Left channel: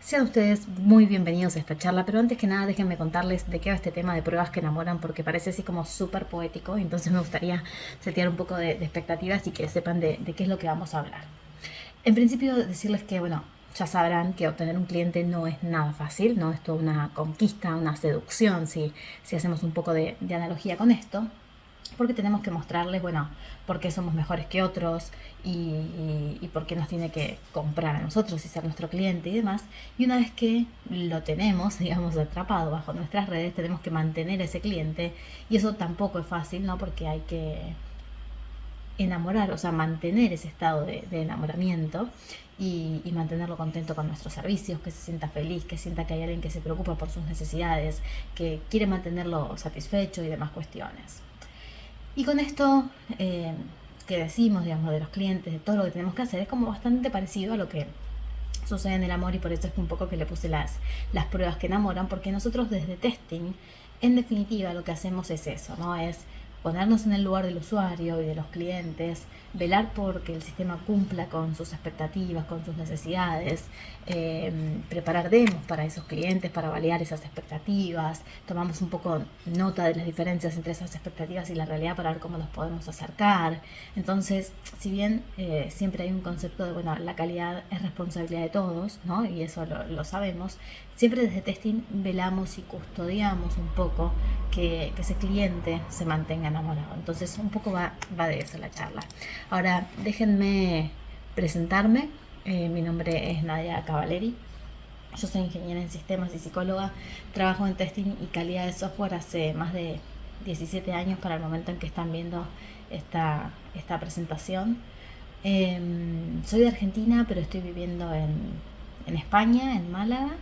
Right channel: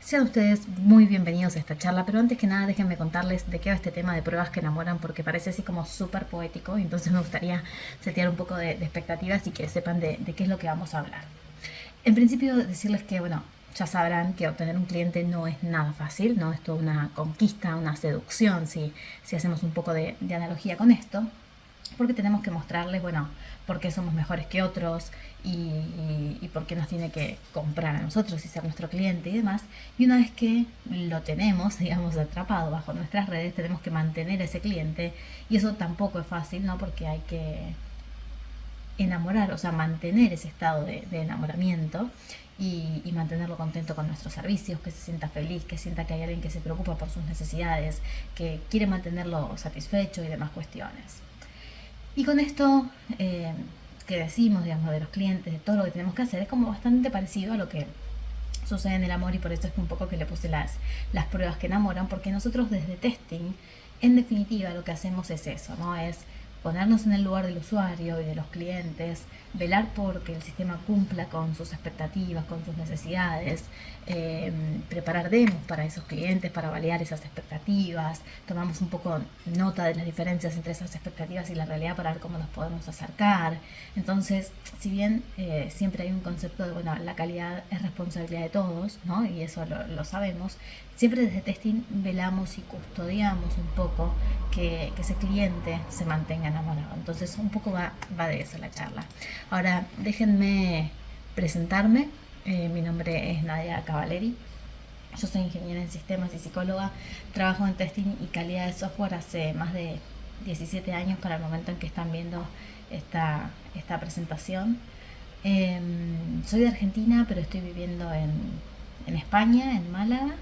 Sean ustedes muy bienvenidos a esta charla, pero antes que nada déjenme contarles de qué va este tema de pruebas que enamoran, porque parece así como súper poético y entonces me gustaría setear un poco de expectativas y que sepan de qué es lo que vamos a hablar. En principio decirles que, bueno, ya sabrán que obtener un cliente no es nada fácil, no es toda una conquista, una seducción, si hacemos un poco de analogía con esto, porque tenemos que mostrarles, bueno, por qué somos mejores que otros y por qué nos tiene que comprar a nosotros y ser nuestro cliente y demás. Y una vez que lo tenemos, digamos, atrapado bajo nuestras redes, tenemos que mantener a ese cliente y eso tampoco es fácil, ¿no? Porque hay que enamorar, o sea, mantener ese estado de enamoramiento y mantenerlo contento con nuestros servicios, que se sienta feliz, que sienta que hay alguien que se preocupa por sus necesidades, que quiere mantenerlo satisfecho y demás cuestiones. Y con esto que decimos, digamos, de los clientes, de todo lo que tenemos que hacer, es como bastante parecido a lo que sucede en el amor y por eso es un poco que le puse las pruebas que enamoran, porque nosotros desde testing, en definitiva, lo que hacemos es eso, ¿no? Es ponernos en el lugar del usuario y de los clientes, velar por que el sistema cumpla con sus expectativas, con sus necesidades, preparar demos para esos clientes, para validar esas expectativas, tomamos un poco nota de las diferencias entre esas expectativas y la realidad para ver cómo nos podemos acercar. Entonces, si bien siempre hay un concepto de, bueno, la calidad es responsabilidad de todos, ¿no? Y eso lo sabemos, siempre desde testing velamos y custodiamos un poco que ese cliente se mantenga enamorado. Entonces, un poco va de eso la charla. Ahora, déjenme presentarme. Mi nombre es Nadia Cavaleri. Yo soy ingeniera en sistemas y psicóloga. Trabajo en testing y calidad de software hace más de 17 años para el momento en que están viendo esta presentación. Soy de Argentina, pero estoy viviendo en España, en Málaga.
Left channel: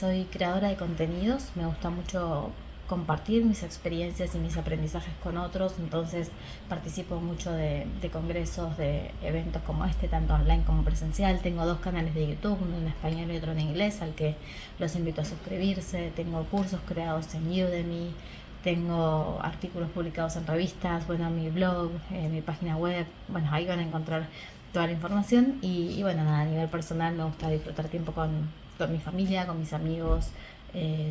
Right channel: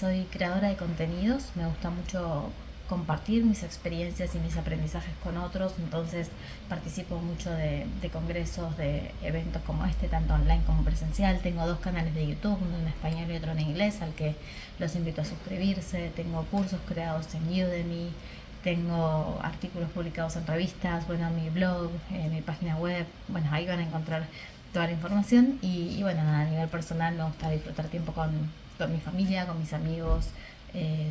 Soy creadora de contenidos. Me gusta mucho compartir mis experiencias y mis aprendizajes con otros, entonces participo mucho de congresos, de eventos como este, tanto online como presencial. Tengo dos canales de YouTube, uno en español y otro en inglés, al que los invito a suscribirse. Tengo cursos creados en Udemy, tengo artículos publicados en revistas, bueno, mi blog, mi página web, bueno, ahí van a encontrar toda la información y bueno, nada, a nivel personal me gusta disfrutar tiempo con mi familia, con mis amigos,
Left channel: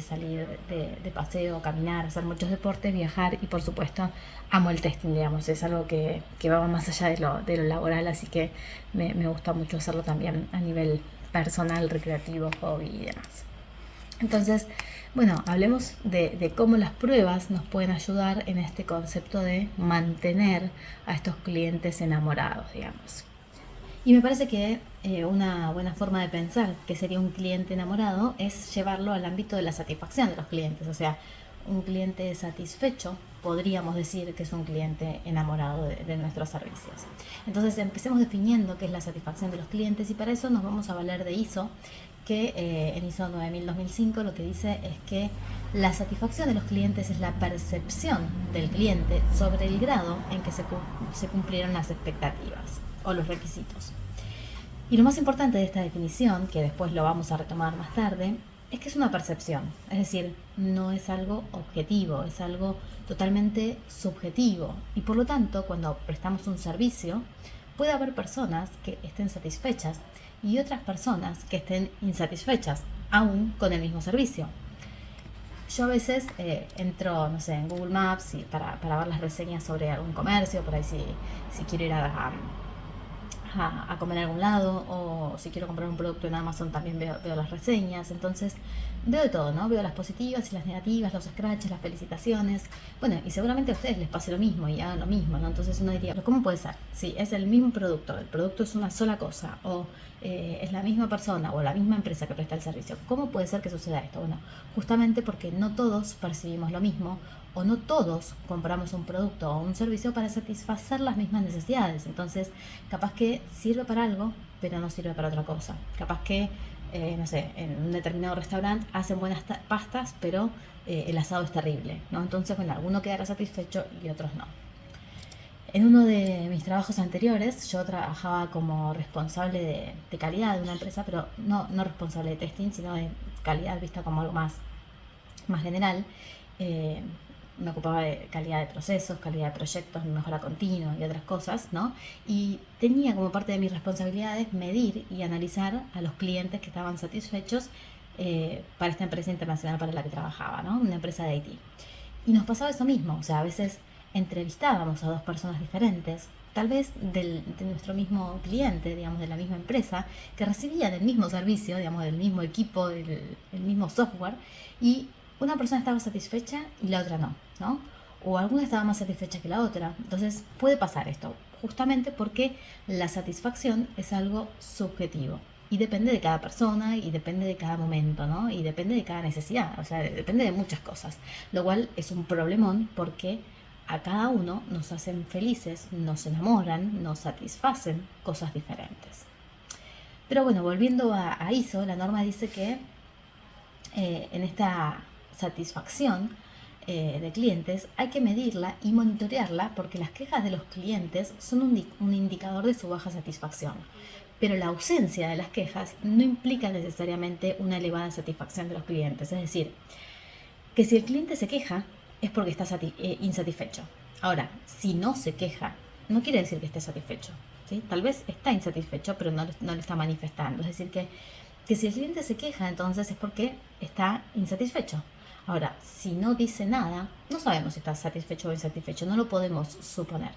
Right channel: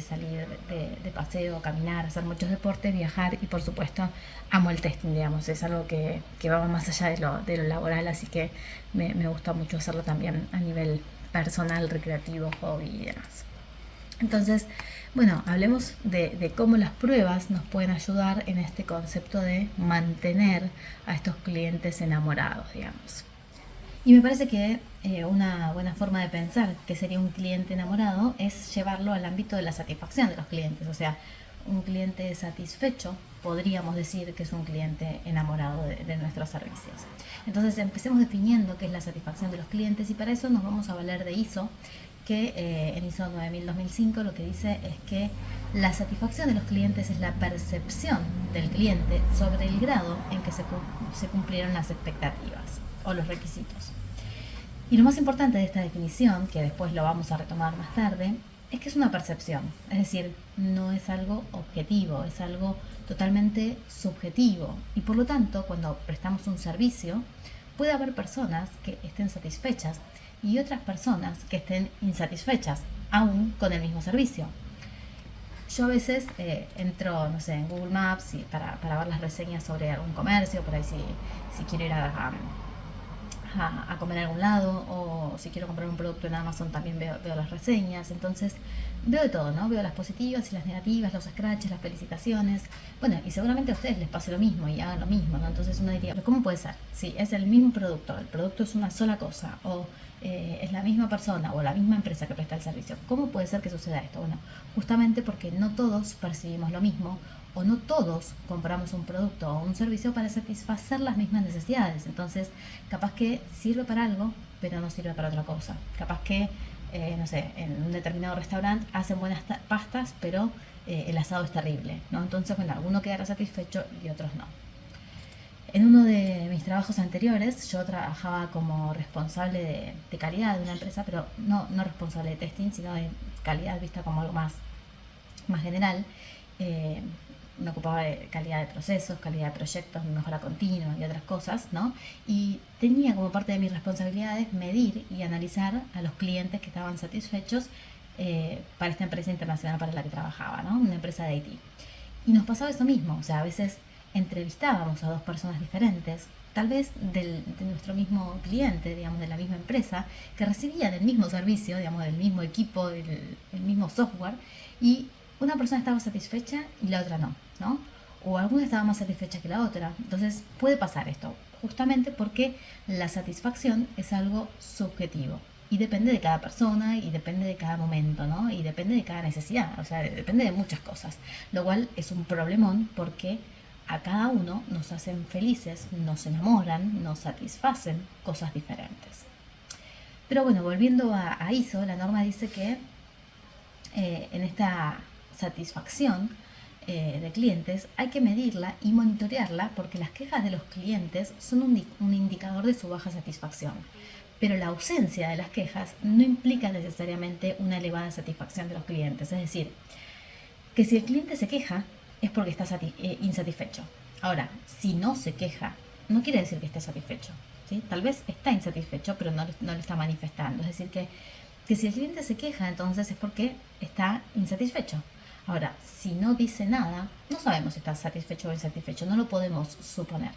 salir de paseo, caminar, hacer muchos deportes, viajar y por supuesto amo el testing, digamos, es algo que va más allá de lo laboral, así que me gusta mucho hacerlo también a nivel personal, recreativo, hobby y demás. Entonces, bueno, hablemos de cómo las pruebas nos pueden ayudar en este concepto de mantener a estos clientes enamorados, digamos. Y me parece que una buena forma de pensar que sería un cliente enamorado es llevarlo al ámbito de la satisfacción de los clientes. O sea, un cliente satisfecho podríamos decir que es un cliente enamorado de nuestros servicios. Entonces empecemos definiendo qué es la satisfacción de los clientes y para eso nos vamos a valer de ISO, que en ISO 9000-2005 lo que dice es que la satisfacción de los clientes es la percepción del cliente sobre el grado en que se cumplieron las expectativas o los requisitos. Y lo más importante de esta definición, que después lo vamos a retomar más tarde, es que es una percepción, es decir, no es algo objetivo, es algo totalmente subjetivo. Y por lo tanto, cuando prestamos un servicio, puede haber personas que estén satisfechas y otras personas que estén insatisfechas, aún con el mismo servicio. Yo a veces entro, no sé, en Google Maps y para ver las reseñas sobre algún comercio, por ahí si quiero ir a comer a algún lado o si quiero comprar un producto en Amazon también veo las reseñas, entonces veo de todo, ¿no? Veo las positivas y las negativas, los scratches, las felicitaciones, bueno, y seguramente a ustedes les pase lo mismo y hagan lo mismo, ¿no? Entonces uno diría, pero ¿cómo puede ser? Si es el mismo producto, el producto es una sola cosa o es la misma persona o la misma empresa que presta el servicio, ¿cómo puede ser que suceda esto? Bueno, justamente porque no todos percibimos lo mismo o no todos compramos un producto o un servicio para satisfacer las mismas necesidades. Entonces, capaz que sirve para algo, pero no sirve para otra cosa. Capaz que, no sé, en un determinado restaurante hacen buenas pastas, pero el asado es terrible, ¿no? Entonces, bueno, alguno quedará satisfecho y otros no. En uno de mis trabajos anteriores, yo trabajaba como responsable de calidad de una empresa, pero no responsable de testing, sino de calidad vista como algo más general. me ocupaba de calidad de procesos, calidad de proyectos, mejora continua y otras cosas, ¿no? Y tenía como parte de mis responsabilidades medir y analizar a los clientes que estaban satisfechos para esta empresa internacional para la que trabajaba, ¿no? Una empresa de IT. Y nos pasaba eso mismo, o sea, a veces entrevistábamos a dos personas diferentes, tal vez de nuestro mismo cliente, digamos, de la misma empresa, que recibían el mismo servicio, digamos, del mismo equipo, el mismo software, y una persona estaba satisfecha y la otra no, ¿no? O alguna estaba más satisfecha que la otra. Entonces puede pasar esto, justamente porque la satisfacción es algo subjetivo. Y depende de cada persona y depende de cada momento, ¿no? Y depende de cada necesidad, o sea, depende de muchas cosas. Lo cual es un problemón porque a cada uno nos hacen felices, nos enamoran, nos satisfacen cosas diferentes. Pero bueno, volviendo a ISO, la norma dice que en esta satisfacción de clientes hay que medirla y monitorearla porque las quejas de los clientes son un indicador de su baja satisfacción. Pero la ausencia de las quejas no implica necesariamente una elevada satisfacción de los clientes. Es decir, que si el cliente se queja es porque está insatisfecho. Ahora, si no se queja, no quiere decir que esté satisfecho. ¿Sí? Tal vez está insatisfecho, pero no lo está manifestando. Es decir, que si el cliente se queja, entonces es porque está insatisfecho. Ahora, si no dice nada, no sabemos si está satisfecho o insatisfecho, no lo podemos suponer.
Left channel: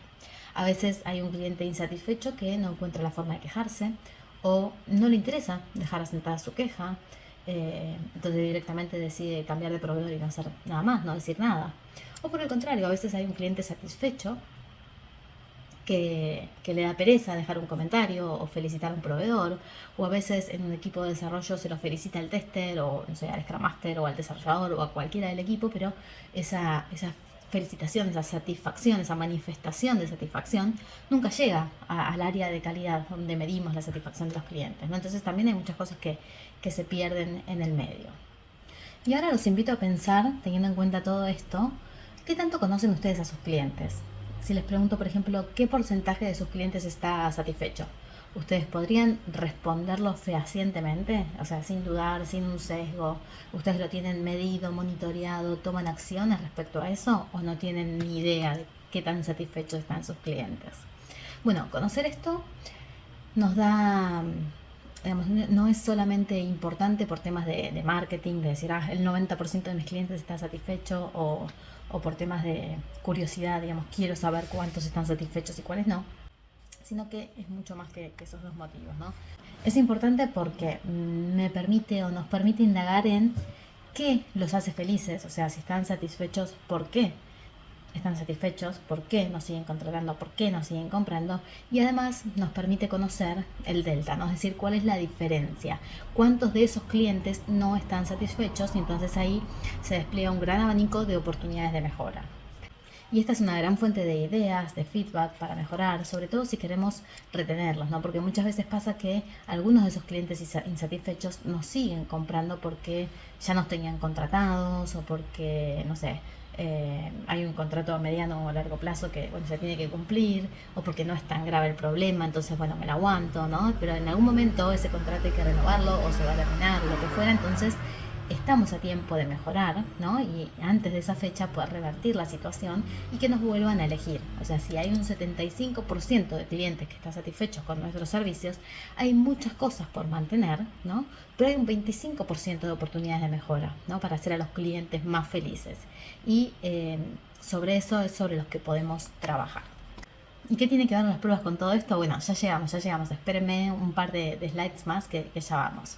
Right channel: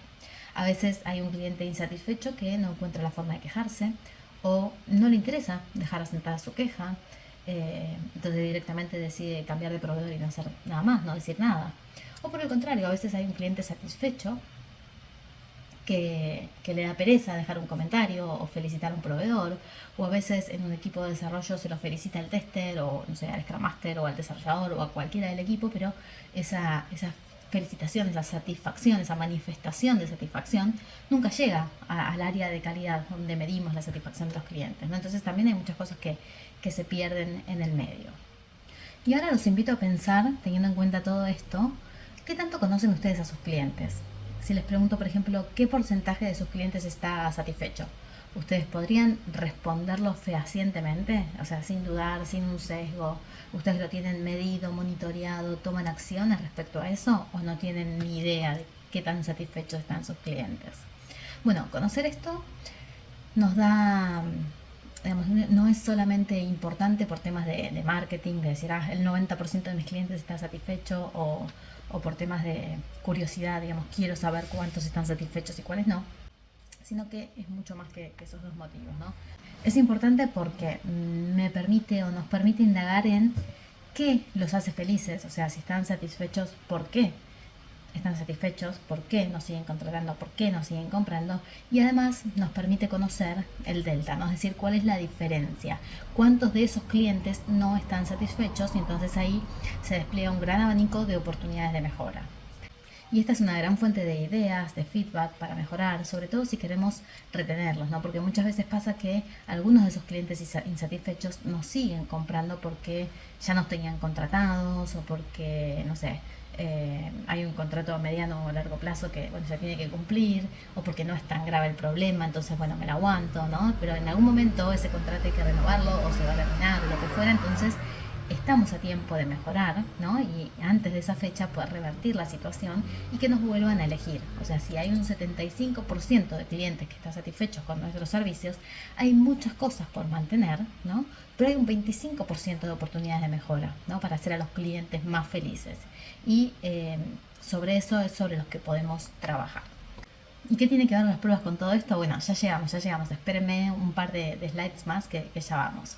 A veces hay un cliente insatisfecho que no encuentra la forma de quejarse o no le interesa dejar asentada su queja, entonces directamente decide cambiar de proveedor y no hacer nada más, no decir nada. O por el contrario, a veces hay un cliente satisfecho que le da pereza dejar un comentario o felicitar a un proveedor, o a veces en un equipo de desarrollo se lo felicita al tester, o no sé, al Scrum Master, o al desarrollador, o a cualquiera del equipo, pero esa felicitación, esa satisfacción, esa manifestación de satisfacción nunca llega al área de calidad donde medimos la satisfacción de los clientes, ¿no? Entonces también hay muchas cosas que se pierden en el medio. Y ahora los invito a pensar, teniendo en cuenta todo esto, ¿qué tanto conocen ustedes a sus clientes? Si les pregunto, por ejemplo, ¿qué porcentaje de sus clientes está satisfecho? ¿Ustedes podrían responderlo fehacientemente? O sea, sin dudar, sin un sesgo. ¿Ustedes lo tienen medido, monitoreado, toman acciones respecto a eso? ¿O no tienen ni idea de qué tan satisfechos están sus clientes? Bueno, conocer esto nos da, digamos, no es solamente importante por temas de marketing, de decir, el 90% de mis clientes está satisfecho, o por temas de curiosidad, digamos, quiero saber cuántos están satisfechos y cuáles no, sino que es mucho más que esos dos motivos, ¿no? Es importante porque me permite o nos permite indagar en qué los hace felices, o sea, si están satisfechos, ¿por qué están satisfechos? ¿Por qué nos siguen contratando? ¿Por qué nos siguen comprando? Y además nos permite conocer el delta, ¿no? Es decir, cuál es la diferencia, cuántos de esos clientes no están satisfechos, y entonces ahí se despliega un gran abanico de oportunidades de mejora. Y esta es una gran fuente de ideas, de feedback para mejorar, sobre todo si queremos retenerlos, ¿no? Porque muchas veces pasa que algunos de esos clientes insatisfechos nos siguen comprando porque ya nos tenían contratados, o porque, no sé, hay un contrato a mediano o a largo plazo que, bueno, se tiene que cumplir, o porque no es tan grave el problema, entonces, bueno, me lo aguanto, ¿no? Pero en algún momento ese contrato hay que renovarlo o se va a terminar, lo que fuera, entonces estamos a tiempo de mejorar, ¿no? Y antes de esa fecha poder revertir la situación y que nos vuelvan a elegir. O sea, si hay un 75% de clientes que están satisfechos con nuestros servicios, hay muchas cosas por mantener, ¿no? Pero hay un 25% de oportunidades de mejora, ¿no? Para hacer a los clientes más felices. Y sobre eso es sobre los que podemos trabajar. ¿Y qué tiene que ver las pruebas con todo esto? Bueno, ya llegamos. Espérenme un par de slides más que ya vamos.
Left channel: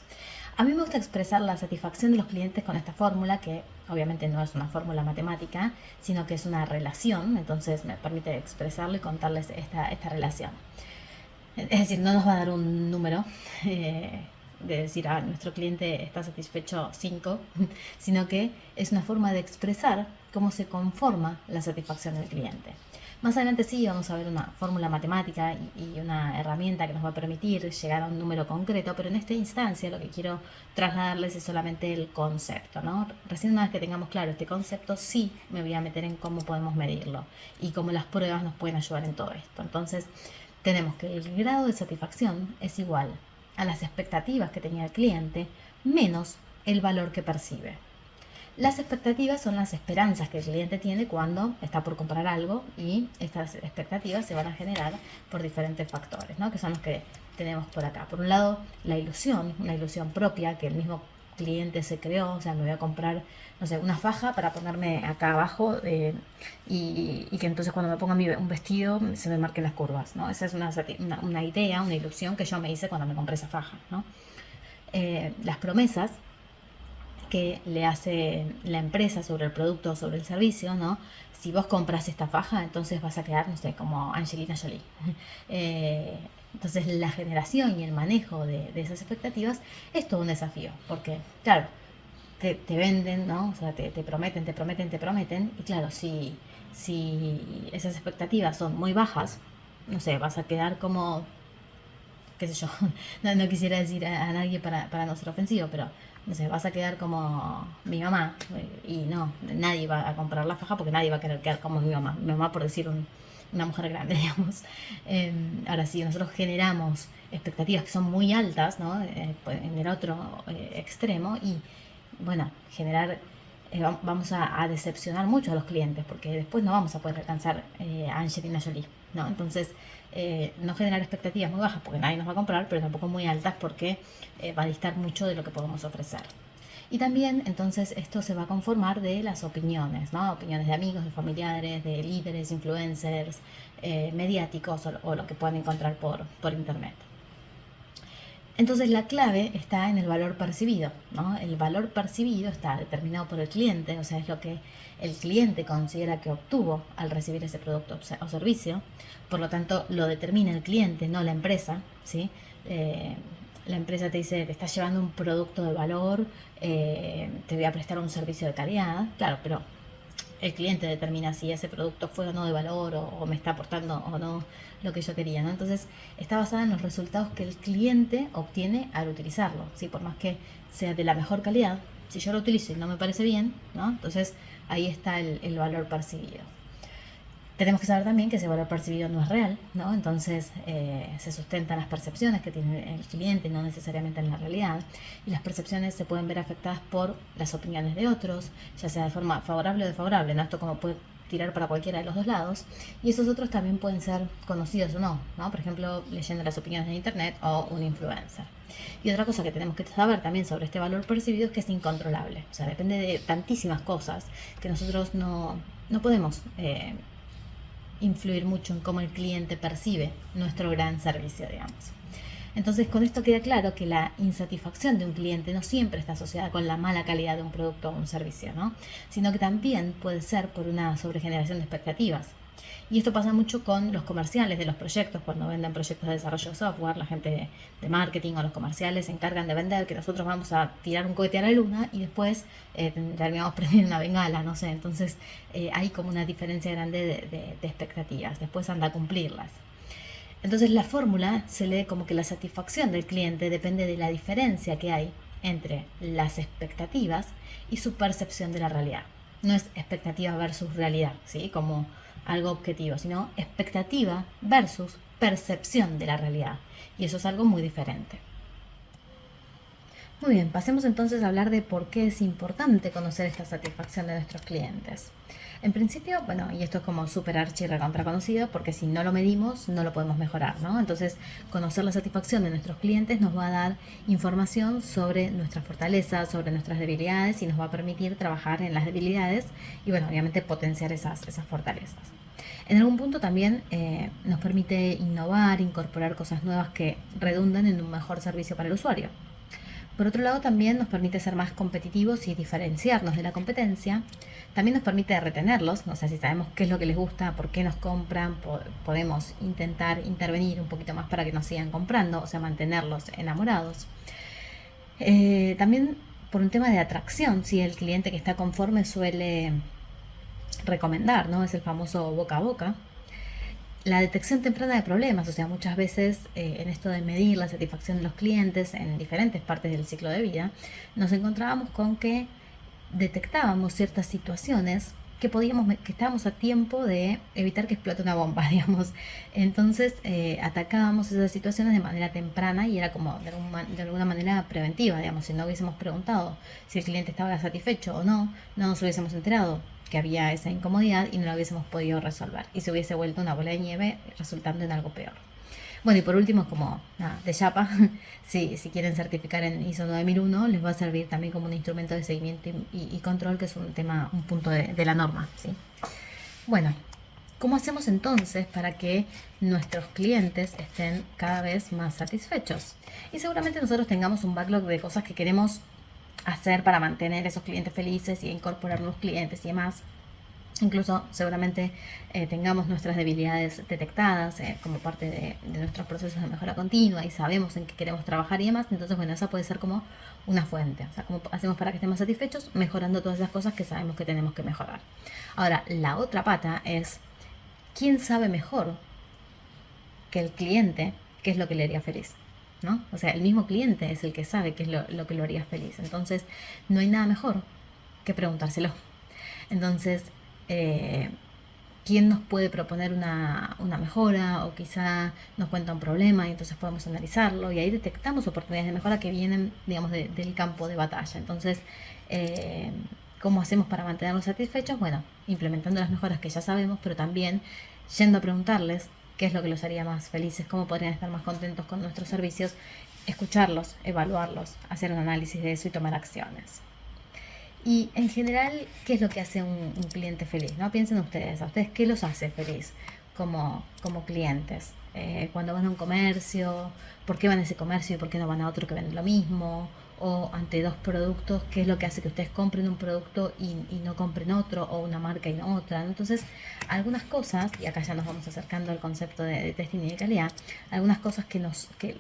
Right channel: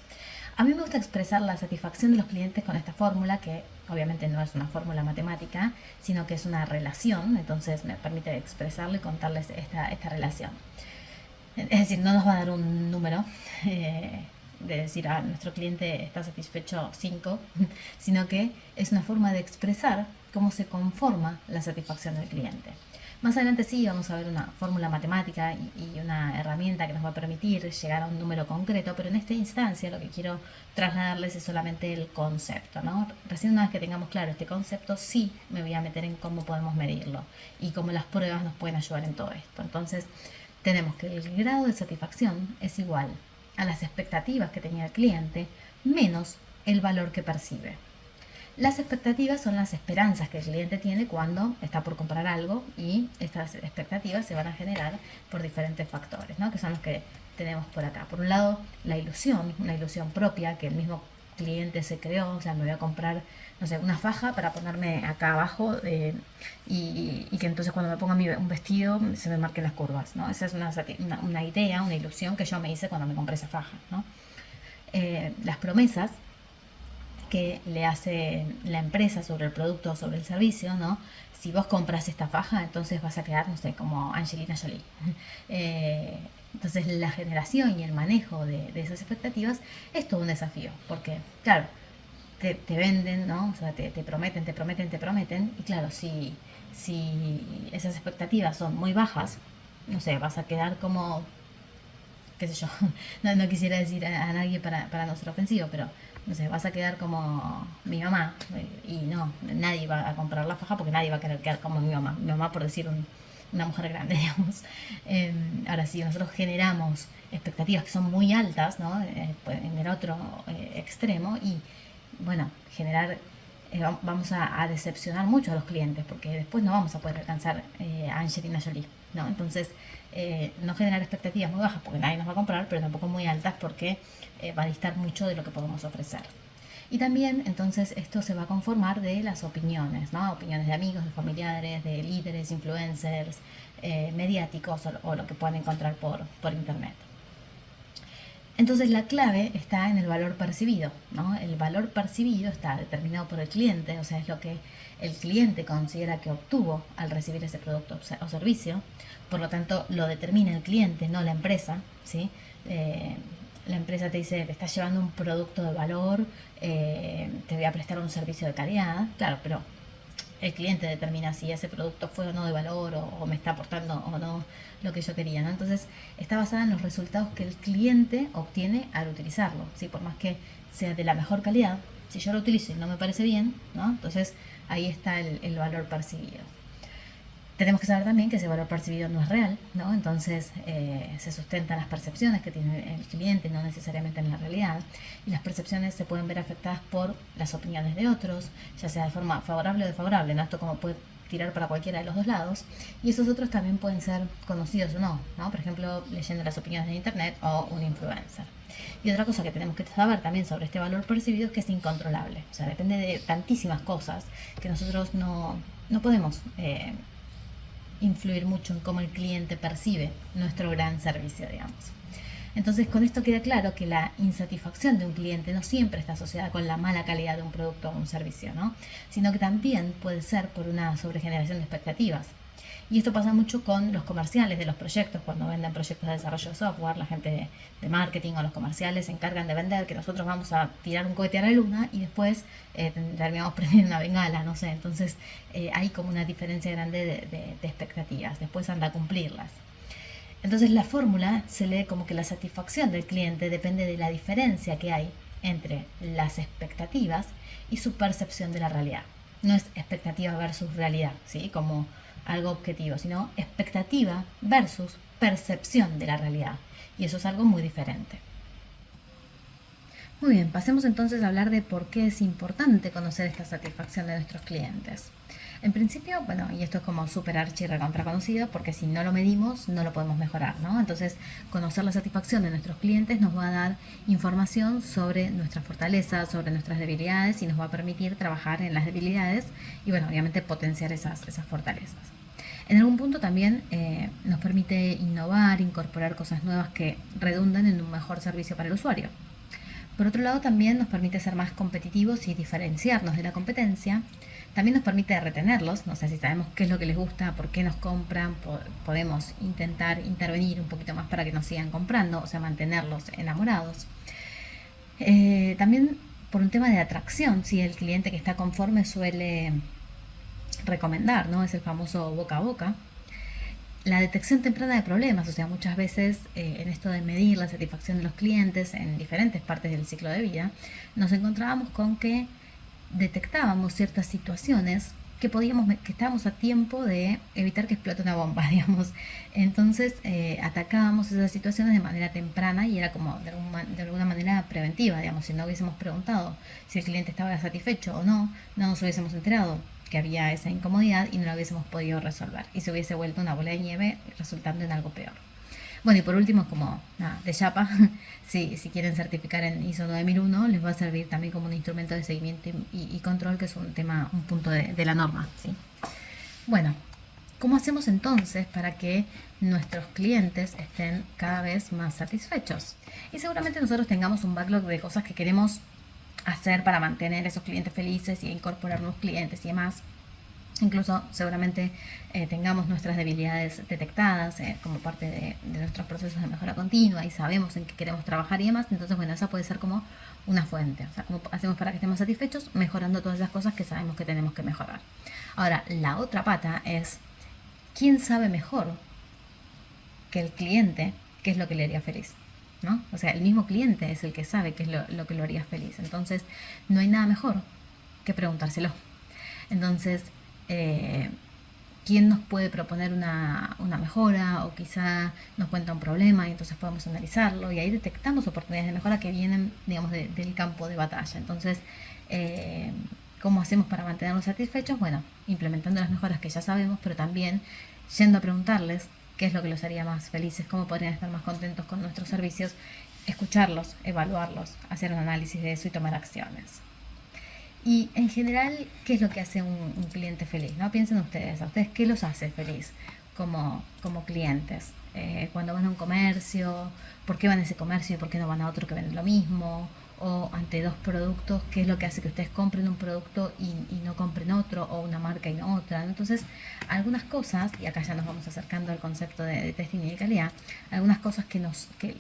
A mí me gusta expresar la satisfacción de los clientes con esta fórmula, que obviamente no es una fórmula matemática, sino que es una relación, entonces me permite expresarlo y contarles esta relación. Es decir, no nos va a dar un número de decir, nuestro cliente está satisfecho 5, sino que es una forma de expresar cómo se conforma la satisfacción del cliente. Más adelante sí vamos a ver una fórmula matemática y una herramienta que nos va a permitir llegar a un número concreto, pero en esta instancia lo que quiero trasladarles es solamente el concepto, ¿no? Recién una vez que tengamos claro este concepto, sí me voy a meter en cómo podemos medirlo y cómo las pruebas nos pueden ayudar en todo esto. Entonces, tenemos que el grado de satisfacción es igual a las expectativas que tenía el cliente menos el valor que percibe. Las expectativas son las esperanzas que el cliente tiene cuando está por comprar algo, y estas expectativas se van a generar por diferentes factores, ¿no? Que son los que tenemos por acá. Por un lado, la ilusión propia que el mismo cliente se creó. O sea, me voy a comprar, no sé, una faja para ponerme acá abajo, y que entonces cuando me ponga un vestido se me marquen las curvas, ¿no? Esa es una idea, una ilusión que yo me hice cuando me compré esa faja, ¿no? Las promesas que le hace la empresa sobre el producto o sobre el servicio, ¿no? Si vos compras esta faja, entonces vas a quedar, no sé, como Angelina Jolie. Entonces la generación y el manejo de esas expectativas es todo un desafío, porque, claro, te venden, ¿no? O sea, te prometen, te prometen, te prometen, y claro, si esas expectativas son muy bajas, no sé, vas a quedar como, qué sé yo, no quisiera decir a nadie para no ser ofensivo, pero no sé, vas a quedar como mi mamá, y no, nadie va a comprar la faja porque nadie va a querer quedar como mi mamá por decir una mujer grande, digamos. Ahora, si nosotros generamos expectativas que son muy altas, ¿no? En el otro extremo, y bueno, vamos a decepcionar mucho a los clientes, porque después no vamos a poder alcanzar a Angelina Jolie, ¿no? Entonces, no generar expectativas muy bajas porque nadie nos va a comprar, pero tampoco muy altas porque va a distar mucho de lo que podemos ofrecer. Y también, entonces, esto se va a conformar de las opiniones, ¿no? Opiniones de amigos, de familiares, de líderes, influencers, mediáticos, o lo que pueden encontrar por internet. Entonces la clave está en el valor percibido, ¿no? El valor percibido está determinado por el cliente, o sea, es lo que el cliente considera que obtuvo al recibir ese producto o servicio. Por lo tanto, lo determina el cliente, no la empresa, ¿sí? La empresa te dice, te estás llevando un producto de valor, te voy a prestar un servicio de calidad, claro, pero el cliente determina si ese producto fue o no de valor, o me está aportando o no lo que yo quería, ¿no? Entonces está basada en los resultados que el cliente obtiene al utilizarlo, ¿sí? Por más que sea de la mejor calidad, si yo lo utilizo y no me parece bien, ¿no? Entonces ahí está el valor percibido. Tenemos que saber también que ese valor percibido no es real, ¿no? Entonces se sustentan las percepciones que tiene el cliente, no necesariamente en la realidad. Y las percepciones se pueden ver afectadas por las opiniones de otros, ya sea de forma favorable o desfavorable, ¿no? Esto como puede tirar para cualquiera de los dos lados. Y esos otros también pueden ser conocidos o no, ¿no? Por ejemplo, leyendo las opiniones de internet o un influencer. Y otra cosa que tenemos que saber también sobre este valor percibido es que es incontrolable. O sea, depende de tantísimas cosas que nosotros no podemos influir mucho en cómo el cliente percibe nuestro gran servicio, digamos. Entonces, con esto queda claro que la insatisfacción de un cliente no siempre está asociada con la mala calidad de un producto o un servicio, ¿no? Sino que también puede ser por una sobregeneración de expectativas. Y esto pasa mucho con los comerciales de los proyectos. Cuando venden proyectos de desarrollo de software, la gente de marketing o los comerciales se encargan de vender que nosotros vamos a tirar un cohete a la luna, y después terminamos prendiendo una bengala, no sé. Entonces hay como una diferencia grande de expectativas. Después anda a cumplirlas. Entonces la fórmula se lee como que la satisfacción del cliente depende de la diferencia que hay entre las expectativas y su percepción de la realidad. No es expectativa versus realidad, ¿sí? Como algo objetivo, sino expectativa versus percepción de la realidad. Y eso es algo muy diferente. Muy bien, pasemos entonces a hablar de por qué es importante conocer esta satisfacción de nuestros clientes. En principio, bueno, y esto es como súper archi recontra conocido, porque si no lo medimos, no lo podemos mejorar, ¿no? Entonces, conocer la satisfacción de nuestros clientes nos va a dar información sobre nuestras fortalezas, sobre nuestras debilidades, y nos va a permitir trabajar en las debilidades y, bueno, obviamente potenciar esas fortalezas. En algún punto también nos permite innovar, incorporar cosas nuevas que redundan en un mejor servicio para el usuario. Por otro lado, también nos permite ser más competitivos y diferenciarnos de la competencia. También nos permite retenerlos, o sea, si sabemos qué es lo que les gusta, por qué nos compran, podemos intentar intervenir un poquito más para que nos sigan comprando, o sea, mantenerlos enamorados. También por un tema de atracción, si el cliente que está conforme suele recomendar, ¿no? Es el famoso boca a boca. La detección temprana de problemas, o sea, muchas veces en esto de medir la satisfacción de los clientes en diferentes partes del ciclo de vida, nos encontrábamos con que detectábamos ciertas situaciones que estábamos a tiempo de evitar que explote una bomba, digamos. Entonces atacábamos esas situaciones de manera temprana y era como de alguna manera preventiva, digamos. Si no hubiésemos preguntado si el cliente estaba satisfecho o no, no nos hubiésemos enterado que había esa incomodidad y no la hubiésemos podido resolver. Y se hubiese vuelto una bola de nieve resultando en algo peor. Bueno, y por último, como nada, de chapa, si quieren certificar en ISO 9001, les va a servir también como un instrumento de seguimiento y control, que es un punto de la norma, ¿sí? Bueno, ¿cómo hacemos entonces para que nuestros clientes estén cada vez más satisfechos? Y seguramente nosotros tengamos un backlog de cosas que queremos hacer para mantener esos clientes felices y incorporar nuevos clientes y demás. Incluso seguramente tengamos nuestras debilidades detectadas como parte de nuestros procesos de mejora continua y sabemos en qué queremos trabajar y demás. Entonces, bueno, eso puede ser como una fuente. O sea, ¿cómo hacemos para que estemos satisfechos? Mejorando todas esas cosas que sabemos que tenemos que mejorar. Ahora, la otra pata es, ¿quién sabe mejor que el cliente qué es lo que le haría feliz? ¿No? O sea, el mismo cliente es el que sabe qué es lo que lo haría feliz. Entonces, no hay nada mejor que preguntárselo. Entonces, quién nos puede proponer una mejora, o quizá nos cuenta un problema y entonces podemos analizarlo y ahí detectamos oportunidades de mejora que vienen, digamos, del campo de batalla. Entonces, ¿cómo hacemos para mantenerlos satisfechos? Bueno, implementando las mejoras que ya sabemos, pero también yendo a preguntarles qué es lo que los haría más felices, cómo podrían estar más contentos con nuestros servicios, escucharlos, evaluarlos, hacer un análisis de eso y tomar acciones. Y en general, ¿qué es lo que hace un cliente feliz? ¿No? Piensen ustedes, ¿a ustedes qué los hace feliz como clientes? Cuando van a un comercio, ¿por qué van a ese comercio y por qué no van a otro que vende lo mismo? O ante dos productos, ¿qué es lo que hace que ustedes compren un producto y no compren otro, o una marca y no otra? Entonces, algunas cosas, y acá ya nos vamos acercando al concepto de testing y de calidad, algunas cosas que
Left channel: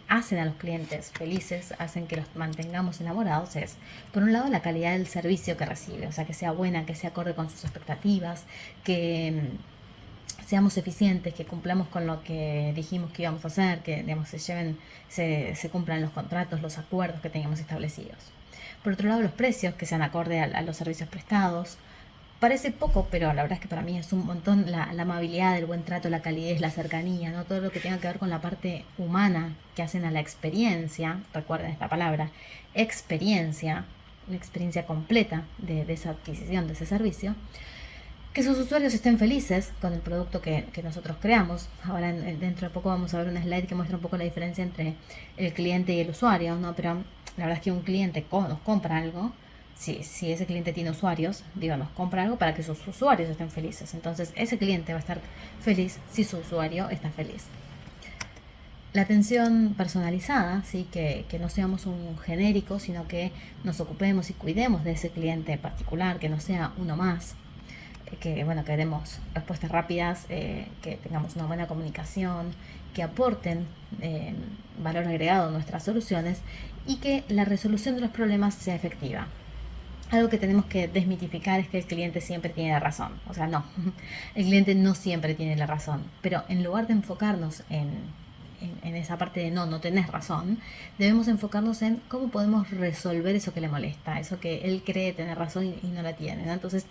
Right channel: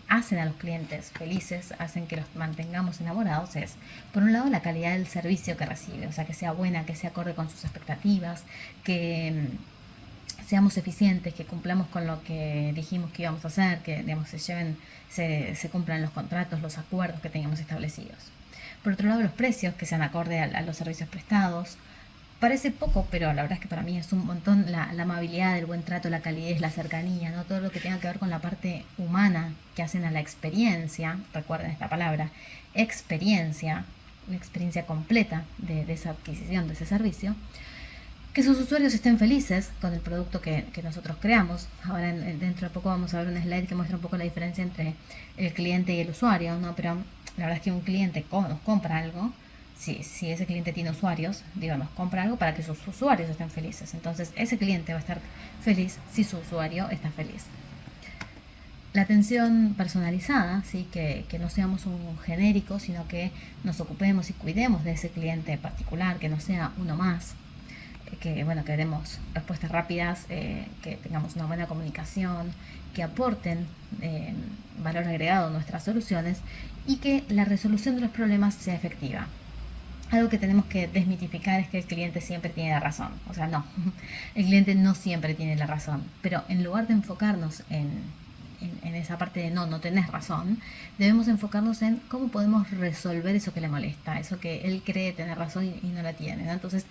hacen a los clientes felices, hacen que los mantengamos enamorados, es, por un lado, la calidad del servicio que recibe, o sea, que sea buena, que se acorde con sus expectativas, que seamos eficientes, que cumplamos con lo que dijimos que íbamos a hacer, que digamos, se cumplan los contratos, los acuerdos que tengamos establecidos. Por otro lado, los precios que sean acorde a los servicios prestados. Parece poco, pero la verdad es que para mí es un montón la amabilidad, el buen trato, la calidez, la cercanía, ¿no? Todo lo que tenga que ver con la parte humana que hacen a la experiencia. Recuerden esta palabra, experiencia, la experiencia completa de esa adquisición, de ese servicio. Que sus usuarios estén felices con el producto que nosotros creamos. Ahora dentro de poco vamos a ver un slide que muestra un poco la diferencia entre el cliente y el usuario, ¿no? Pero la verdad es que un cliente nos compra algo, si ese cliente tiene usuarios, digo, nos compra algo para que sus usuarios estén felices. Entonces ese cliente va a estar feliz si su usuario está feliz. La atención personalizada, ¿sí? Que no seamos un genérico, sino que nos ocupemos y cuidemos de ese cliente particular, que no sea uno más. Que bueno, que demos respuestas rápidas, que tengamos una buena comunicación, que aporten valor agregado a nuestras soluciones y que la resolución de los problemas sea efectiva. Algo que tenemos que desmitificar es que el cliente siempre tiene la razón. O sea, no, el cliente no siempre tiene la razón, pero en lugar de enfocarnos en esa parte de no tenés razón, debemos enfocarnos en cómo podemos resolver eso que le molesta, eso que él cree tener razón y no la tiene, ¿no? Entonces,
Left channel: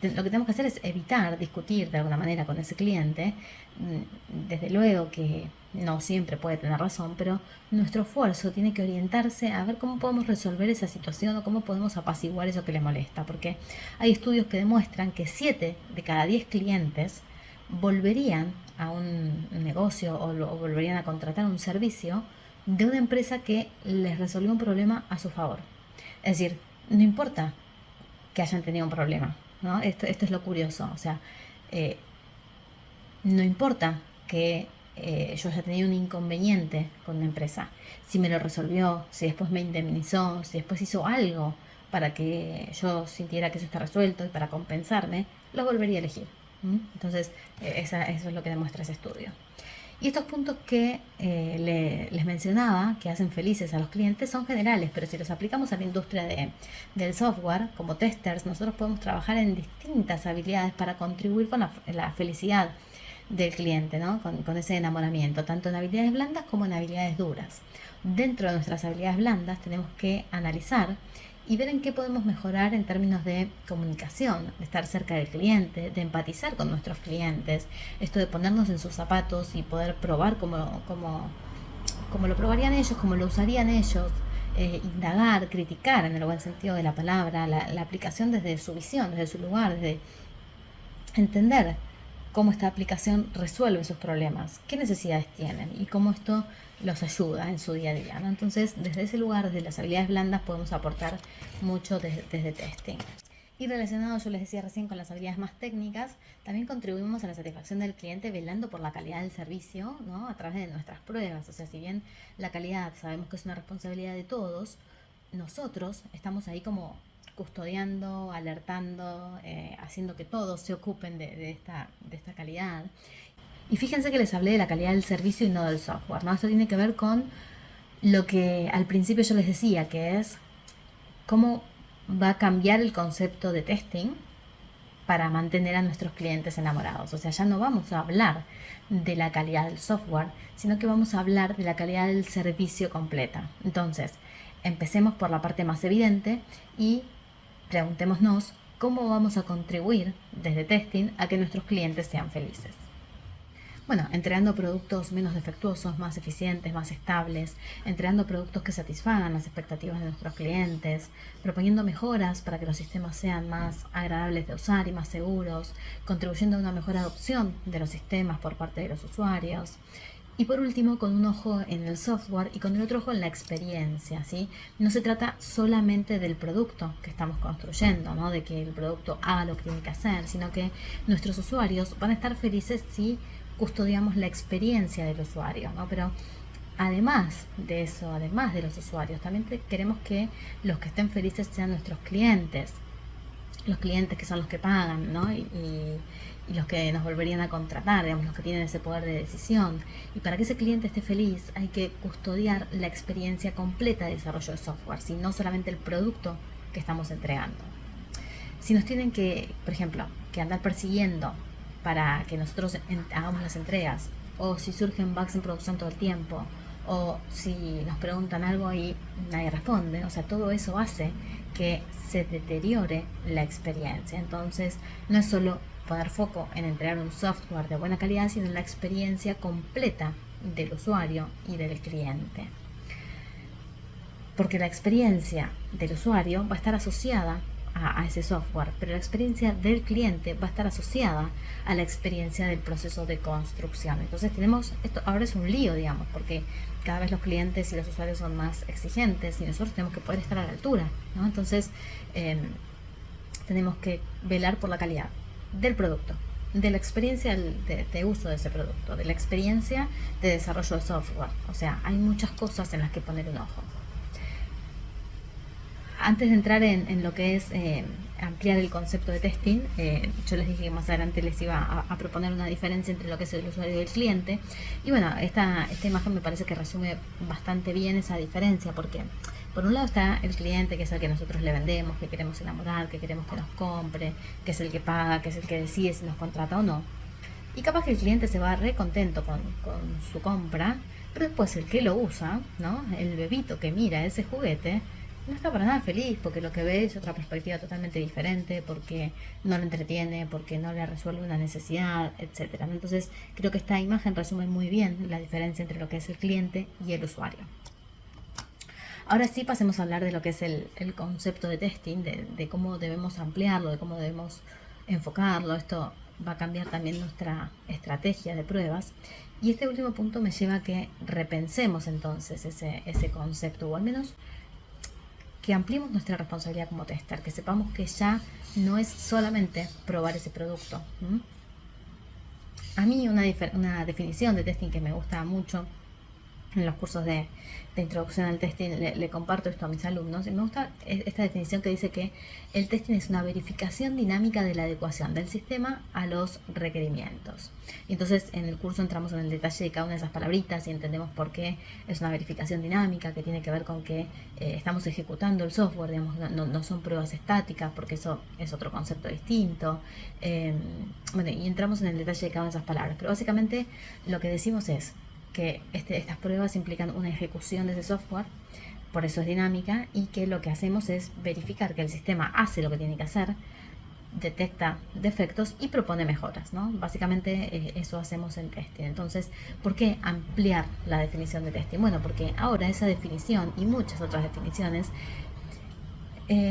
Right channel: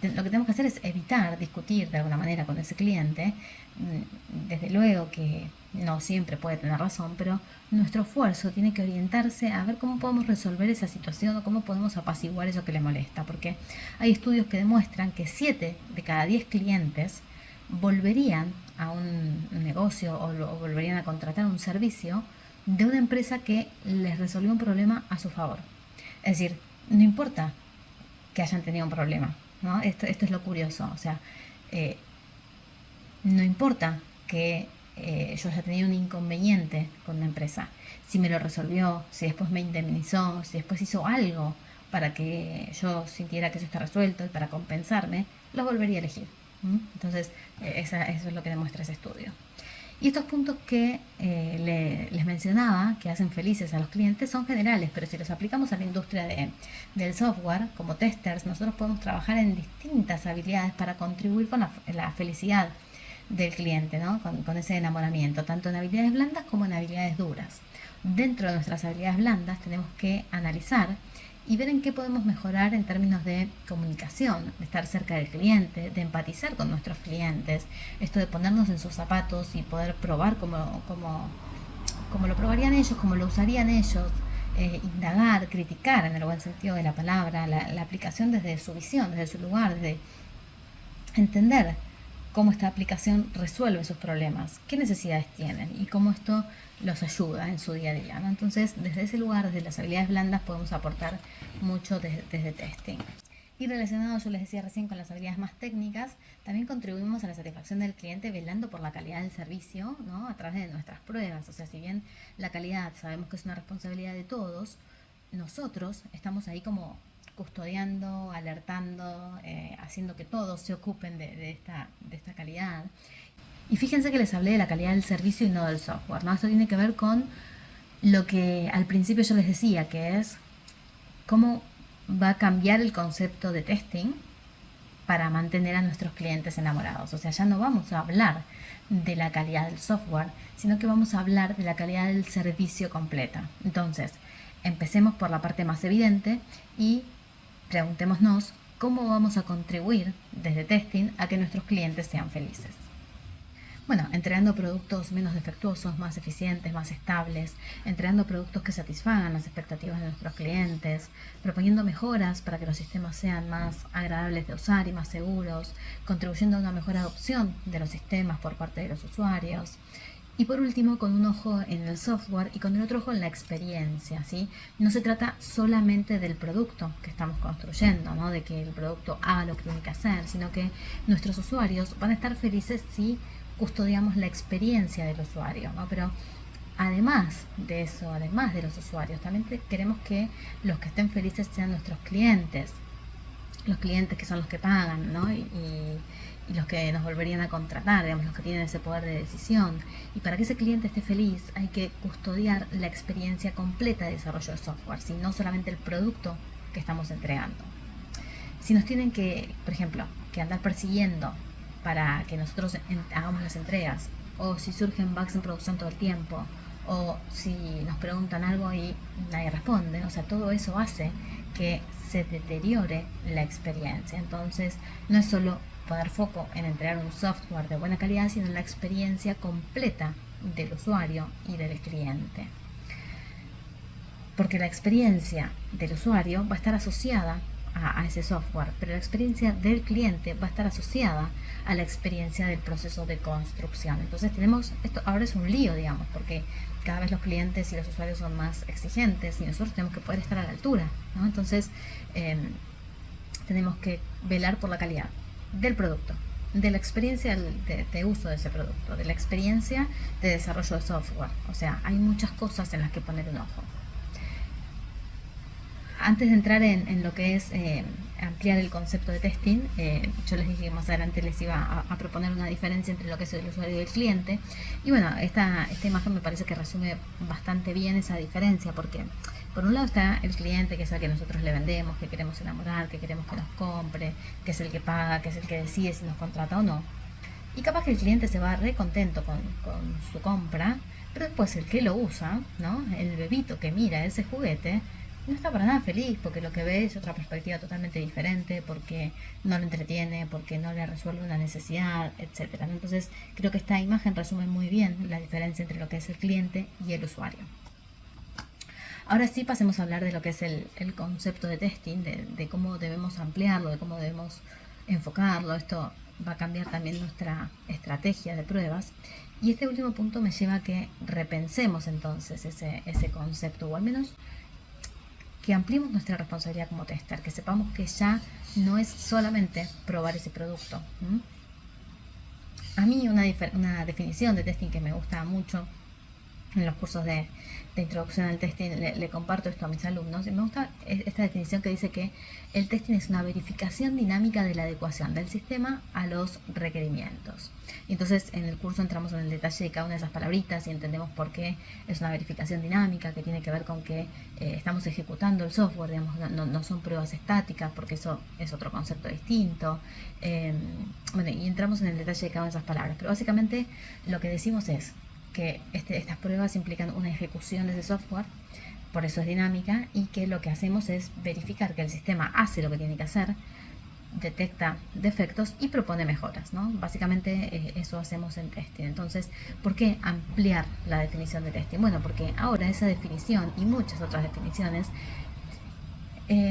lo que tenemos que hacer es evitar discutir de alguna manera con ese cliente. Desde luego que no siempre puede tener razón, pero nuestro esfuerzo tiene que orientarse a ver cómo podemos resolver esa situación o cómo podemos apaciguar eso que le molesta, porque hay estudios que demuestran que 7 de cada 10 clientes volverían a un negocio o volverían a contratar un servicio de una empresa que les resolvió un problema a su favor. Es decir, no importa que hayan tenido un problema, ¿no? Esto es lo curioso, o sea, no importa que yo haya tenido un inconveniente con la empresa, si me lo resolvió, si después me indemnizó, si después hizo algo para que yo sintiera que eso está resuelto y para compensarme, lo volvería a elegir. Entonces, eso es lo que demuestra ese estudio. Y estos puntos que les mencionaba, que hacen felices a los clientes, son generales, pero si los aplicamos a la industria del software, como testers, nosotros podemos trabajar en distintas habilidades para contribuir con la felicidad del cliente, ¿no? Con ese enamoramiento, tanto en habilidades blandas como en habilidades duras. Dentro de nuestras habilidades blandas tenemos que analizar y ver en qué podemos mejorar en términos de comunicación, de estar cerca del cliente, de empatizar con nuestros clientes, esto de ponernos en sus zapatos y poder probar como lo probarían ellos, como lo usarían ellos, indagar, criticar en el buen sentido de la palabra, la aplicación desde su visión, desde su lugar, desde entender cómo esta aplicación resuelve sus problemas, qué necesidades tienen y cómo esto los ayuda en su día a día, ¿no? Entonces, desde ese lugar, desde las habilidades blandas, podemos aportar mucho desde testing. Y relacionado, yo les decía recién, con las habilidades más técnicas, también contribuimos a la satisfacción del cliente velando por la calidad del servicio, ¿no? A través de nuestras pruebas. O sea, si bien la calidad sabemos que es una responsabilidad de todos, nosotros estamos ahí como custodiando, alertando, haciendo que todos se ocupen de esta calidad. Y fíjense que les hablé de la calidad del servicio y no del software, ¿no? Esto tiene que ver con lo que al principio yo les decía, que es cómo va a cambiar el concepto de testing para mantener a nuestros clientes enamorados. O sea, ya no vamos a hablar de la calidad del software, sino que vamos a hablar de la calidad del servicio completa. Entonces, empecemos por la parte más evidente y preguntémonos cómo vamos a contribuir desde testing a que nuestros clientes sean felices. Bueno, entregando productos menos defectuosos, más eficientes, más estables, entregando productos que satisfagan las expectativas de nuestros clientes, proponiendo mejoras para que los sistemas sean más agradables de usar y más seguros, contribuyendo a una mejor adopción de los sistemas por parte de los usuarios. Y por último, con un ojo en el software y con el otro ojo en la experiencia, ¿sí? No se trata solamente del producto que estamos construyendo, ¿no? De que el producto haga lo que tiene que hacer, sino que nuestros usuarios van a estar felices si custodiamos la experiencia del usuario, ¿no? Pero además de eso, además de los usuarios, también queremos que los que estén felices sean nuestros clientes, los clientes que son los que pagan, ¿no? Y los que nos volverían a contratar, digamos, los que tienen ese poder de decisión. Y para que ese cliente esté feliz hay que custodiar la experiencia completa de desarrollo de software, ¿sí? No solamente el producto que estamos entregando. Si nos tienen que, por ejemplo, que andar persiguiendo para que nosotros hagamos las entregas, o si surgen bugs en producción todo el tiempo, o si nos preguntan algo y nadie responde, o sea, todo eso hace que se deteriore la experiencia. Entonces, no es solo poner foco en entregar un software de buena calidad, sino en la experiencia completa del usuario y del cliente. Porque la experiencia del usuario va a estar asociada a ese software, pero la experiencia del cliente va a estar asociada a la experiencia del proceso de construcción. Entonces esto ahora es un lío, digamos, porque cada vez los clientes y los usuarios son más exigentes y nosotros tenemos que poder estar a la altura, ¿no? Entonces tenemos que velar por la calidad del producto, de la experiencia de uso de ese producto, de la experiencia de desarrollo de software. O sea, hay muchas cosas en las que poner un ojo. Antes de entrar en lo que es ampliar el concepto de testing, yo les dije que más adelante les iba a proponer una diferencia entre lo que es el usuario y el cliente. Y bueno, esta imagen me parece que resume bastante bien esa diferencia, porque por un lado está el cliente, que es el que nosotros le vendemos, que queremos enamorar, que queremos que nos compre, que es el que paga, que es el que decide si nos contrata o no. Y capaz que el cliente se va re contento con su compra, pero después el que lo usa, ¿no? El bebito que mira ese juguete, no está para nada feliz porque lo que ve es otra perspectiva totalmente diferente, porque no le entretiene, porque no le resuelve una necesidad, etc. Entonces creo que esta imagen resume muy bien la diferencia entre lo que es el cliente y el usuario. Ahora sí pasemos a hablar de lo que es el concepto de testing, de cómo debemos ampliarlo, de cómo debemos enfocarlo. Esto va a cambiar también nuestra estrategia de pruebas. Y este último punto me lleva a que repensemos entonces ese concepto, o al menos que ampliemos nuestra responsabilidad como tester, que sepamos que ya no es solamente probar ese producto. A mí una definición de testing que me gusta mucho en los cursos de introducción al testing, le comparto esto a mis alumnos, y me gusta esta definición que dice que el testing es una verificación dinámica de la adecuación del sistema a los requerimientos. Y entonces en el curso entramos en el detalle de cada una de esas palabritas y entendemos por qué es una verificación dinámica, que tiene que ver con que estamos ejecutando el software, digamos, no son pruebas estáticas, porque eso es otro concepto distinto. Bueno, y entramos en el detalle de cada una de esas palabras, pero básicamente lo que decimos es que estas pruebas implican una ejecución de ese software por eso es dinámica, y que lo que hacemos es verificar que el sistema hace lo que tiene que hacer, detecta defectos y propone mejoras, ¿no? Básicamente eso hacemos en testing. Entonces, ¿por qué ampliar la definición de testing? Bueno, porque ahora esa definición y muchas otras definiciones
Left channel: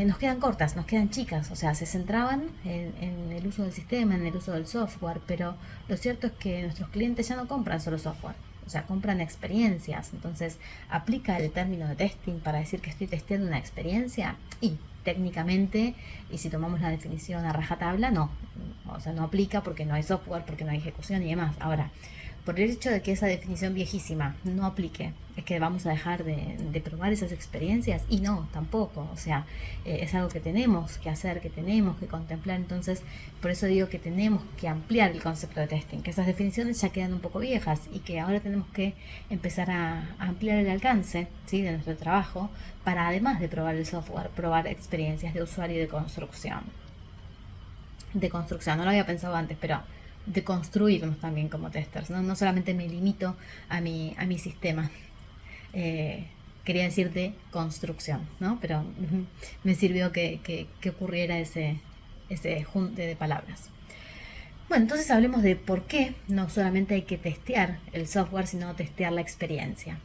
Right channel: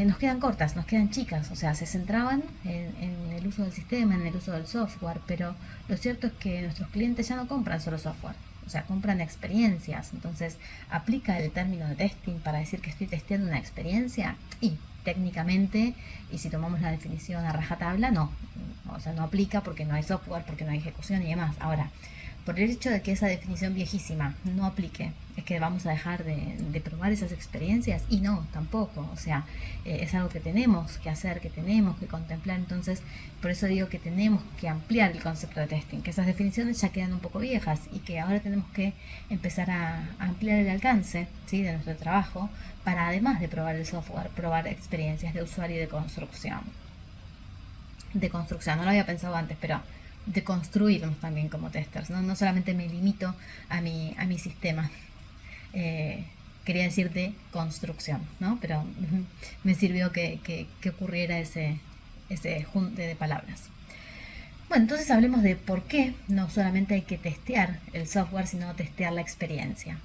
nos quedan cortas, nos quedan chicas, o sea, se centraban en el uso del sistema, en el uso del software, pero lo cierto es que nuestros clientes ya no compran solo software, o sea, compran experiencias. Entonces, aplica el término de testing para decir que estoy testeando una experiencia, y técnicamente, y si tomamos la definición a rajatabla, no, o sea, no aplica porque no hay software, porque no hay ejecución y demás. Ahora, por el hecho de que esa definición viejísima no aplique, es que vamos a dejar de probar esas experiencias, y no, tampoco, o sea, es algo que tenemos que hacer, que tenemos que contemplar. Entonces, por eso digo que tenemos que ampliar el concepto de testing, que esas definiciones ya quedan un poco viejas y que ahora tenemos que empezar a ampliar el alcance, ¿sí?, de nuestro trabajo, para, además de probar el software, probar experiencias de usuario y de construcción. No lo había pensado antes, pero de construirnos también como testers, ¿no? No solamente me limito a mi sistema. Eh, Quería decir de construcción, ¿no? Pero me sirvió que ocurriera ese junte de palabras. Bueno, entonces hablemos de por qué no solamente hay que testear el software, sino testear la experiencia.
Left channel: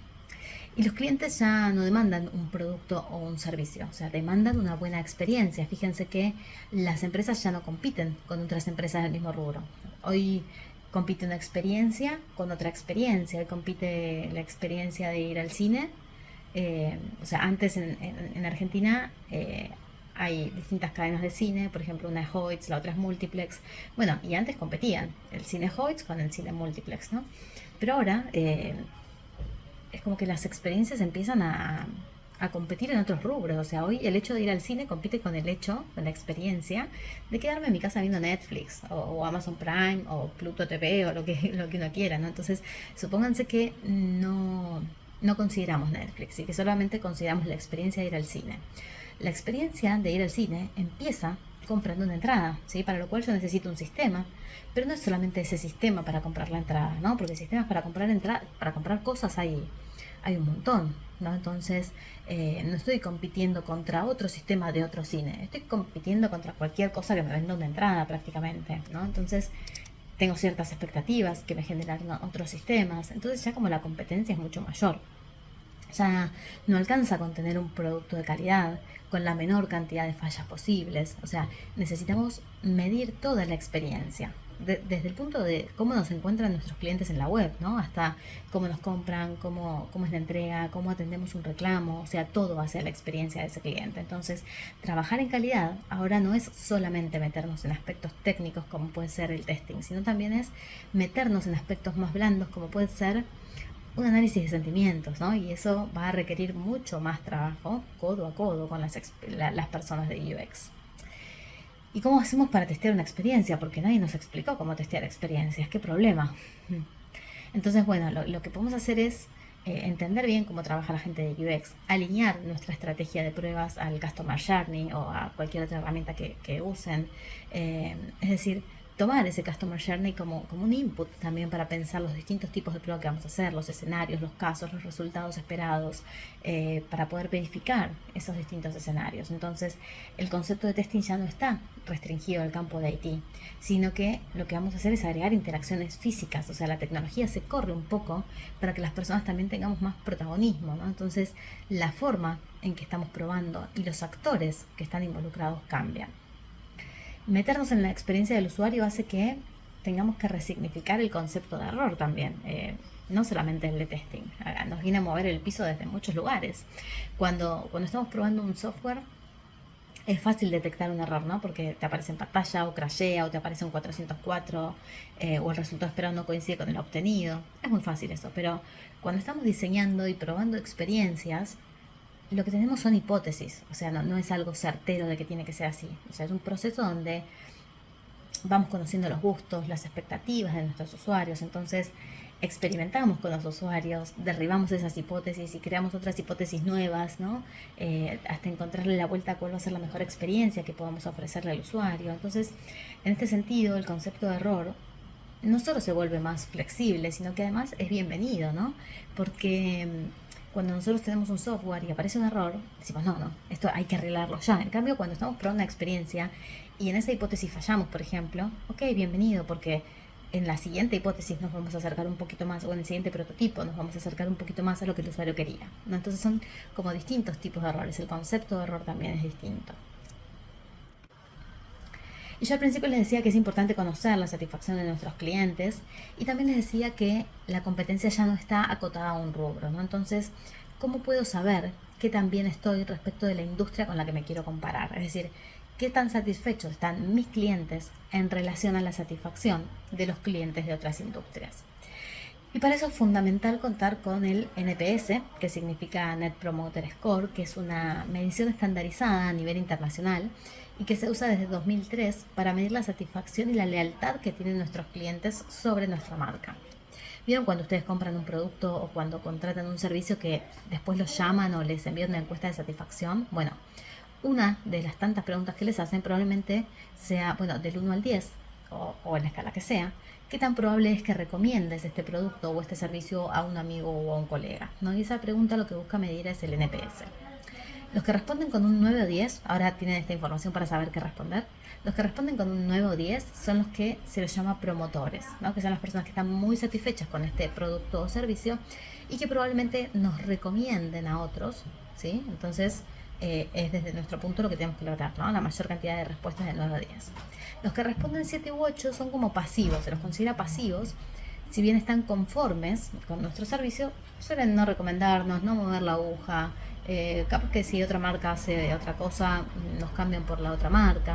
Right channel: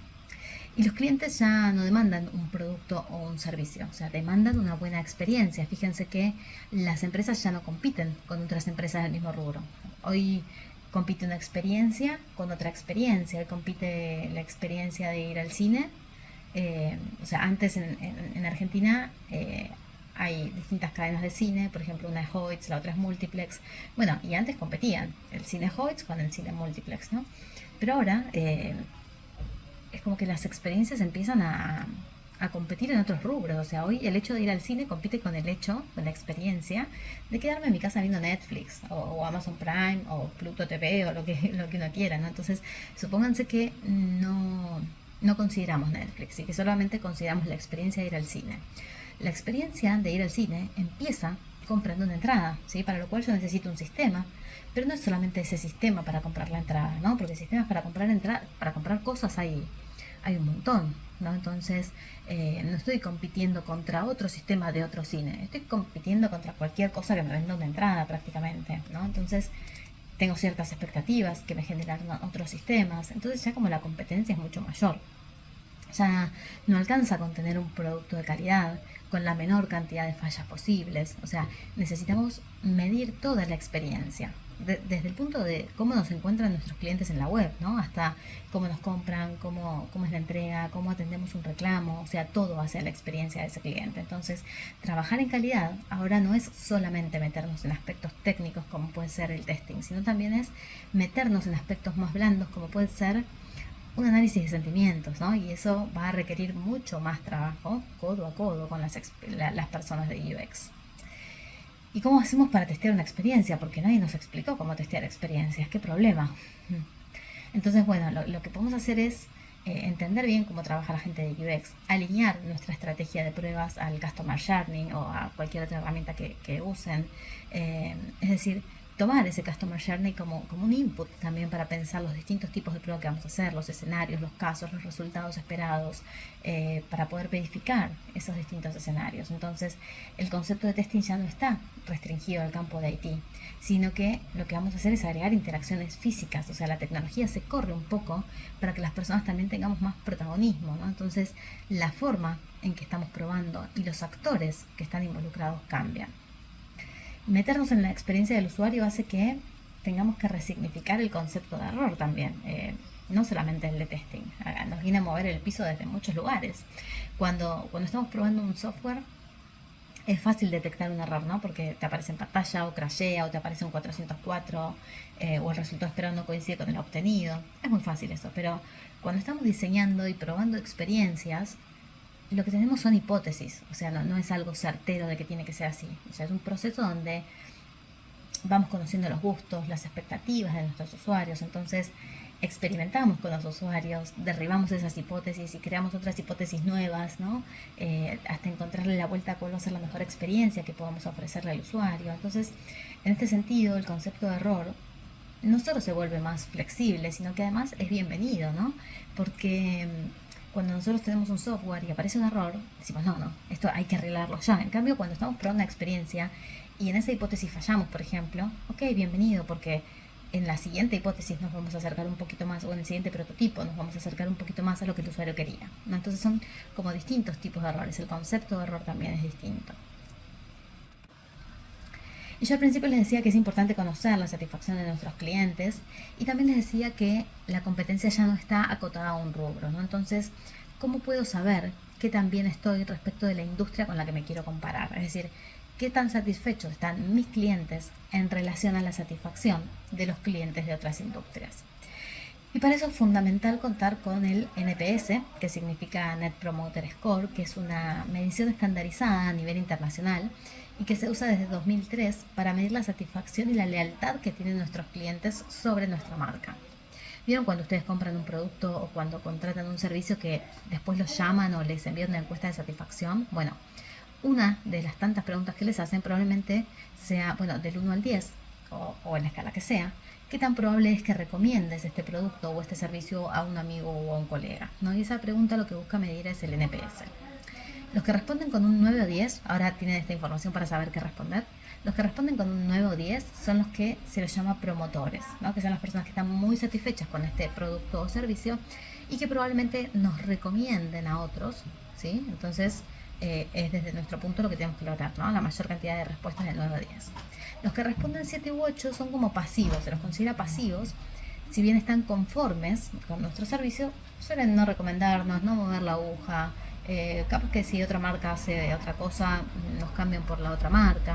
Y los clientes ya no demandan un producto o un servicio, o sea, demandan una buena experiencia. Fíjense que las empresas ya no compiten con otras empresas del mismo rubro. Hoy compite una experiencia con otra experiencia, compite la experiencia de ir al cine. O sea, antes en Argentina hay distintas cadenas de cine, por ejemplo, una es Hoyts, la otra es Multiplex. Bueno, y antes competían el cine Hoyts con el cine Multiplex, ¿no? Pero ahora es como que las experiencias empiezan a competir en otros rubros. O sea, hoy el hecho de ir al cine compite con el hecho, de la experiencia, de quedarme en mi casa viendo Netflix, o Amazon Prime, o Pluto TV, o lo que uno quiera, ¿no? Entonces, supónganse que no consideramos Netflix y que solamente consideramos la experiencia de ir al cine. La experiencia de ir al cine empieza comprando una entrada, ¿sí? Para lo cual yo necesito un sistema. Pero no es solamente ese sistema para comprar la entrada, ¿no? Porque sistemas para comprar para comprar cosas hay un montón, ¿no? Entonces, no estoy compitiendo contra otro sistema de otro cine, estoy compitiendo contra cualquier cosa que me venda una entrada prácticamente, ¿no? Entonces, tengo ciertas expectativas que me generan otros sistemas, entonces ya como la competencia es mucho mayor. Ya no alcanza con tener un producto de calidad, con la menor cantidad de fallas posibles. O sea, necesitamos medir toda la experiencia. Desde el punto de cómo nos encuentran nuestros clientes en la web, ¿no? Hasta cómo nos compran, cómo es la entrega, cómo atendemos un reclamo. O sea, todo va a ser la experiencia de ese cliente. Entonces, trabajar en calidad ahora no es solamente meternos en aspectos técnicos como puede ser el testing, sino también es meternos en aspectos más blandos como puede ser un análisis de sentimientos, ¿no? Y eso va a requerir mucho más trabajo codo a codo con las personas de UX. ¿Y cómo hacemos para testear una experiencia? Porque nadie nos explicó cómo testear experiencias. ¿Qué problema? Entonces, bueno, lo que podemos hacer es entender bien cómo trabaja la gente de UX, alinear nuestra estrategia de pruebas al Customer Journey o a cualquier otra herramienta que usen. Es decir, tomar ese Customer Journey como un input también para pensar los distintos tipos de prueba que vamos a hacer, los escenarios, los casos, los resultados esperados, para poder verificar esos distintos escenarios. Entonces, el concepto de testing ya no está restringido al campo de IT, sino que lo que vamos a hacer es agregar interacciones físicas. O sea, la tecnología se corre un poco para que las personas también tengamos más protagonismo, ¿no? Entonces, la forma en que estamos probando y los actores que están involucrados cambian. Meternos en la experiencia del usuario hace que tengamos que resignificar el concepto de error también, no solamente el de testing. Nos viene a mover el piso desde muchos lugares. Cuando estamos probando un software, es fácil detectar un error, ¿no? Porque te aparece en pantalla, o crashea, o te aparece un 404, o el resultado esperado no coincide con el obtenido. Es muy fácil eso, pero cuando estamos diseñando y probando experiencias, lo que tenemos son hipótesis. O sea, no es algo certero de que tiene que ser así. O sea, es un proceso donde vamos conociendo los gustos, las expectativas de nuestros usuarios. Entonces, experimentamos con los usuarios, derribamos esas hipótesis y creamos otras hipótesis nuevas, ¿no? Hasta encontrarle la vuelta a cuál va a ser la mejor experiencia que podamos ofrecerle al usuario. Entonces, en este sentido, el concepto de error no solo se vuelve más flexible, sino que además es bienvenido, ¿no? Porque Cuando nosotros tenemos un software y aparece un error, decimos, no, esto hay que arreglarlo ya. En cambio, cuando estamos probando una experiencia y en esa hipótesis fallamos, por ejemplo, ok, bienvenido, porque en la siguiente hipótesis nos vamos a acercar un poquito más, o en el siguiente prototipo nos vamos a acercar un poquito más a lo que el usuario quería, ¿no? Entonces son como distintos tipos de errores, el concepto de error también es distinto. Y yo al principio les decía que es importante conocer la satisfacción de nuestros clientes y también les decía que la competencia ya no está acotada a un rubro, ¿no? Entonces, ¿cómo puedo saber qué tan bien estoy respecto de la industria con la que me quiero comparar? Es decir, ¿qué tan satisfechos están mis clientes en relación a la satisfacción de los clientes de otras industrias? Y para eso es fundamental contar con el NPS, que significa Net Promoter Score, que es una medición estandarizada a nivel internacional y que se usa desde 2003 para medir la satisfacción y la lealtad que tienen nuestros clientes sobre nuestra marca. ¿Vieron cuando ustedes compran un producto o cuando contratan un servicio que después los llaman o les envían una encuesta de satisfacción? Bueno, una de las tantas preguntas que les hacen probablemente sea, bueno, del 1 al 10 o en la escala que sea, ¿qué tan probable es que recomiendes este producto o este servicio a un amigo o a un colega? ¿No? Y esa pregunta lo que busca medir es el NPS. Los que responden con un 9 o 10, ahora tienen esta información para saber qué responder. Los que responden con un 9 o 10 son los que se les llama promotores, ¿no? Que son las personas que están muy satisfechas con este producto o servicio y que probablemente nos recomienden a otros, ¿sí? Entonces, es desde nuestro punto lo que tenemos que lograr, ¿no? La mayor cantidad de respuestas de 9 a 10. Los que responden 7 u 8 son como pasivos, se los considera pasivos. Si bien están conformes con nuestro servicio, suelen no recomendarnos, no mover la aguja. Capaz que si otra marca hace otra cosa, nos cambian por la otra marca.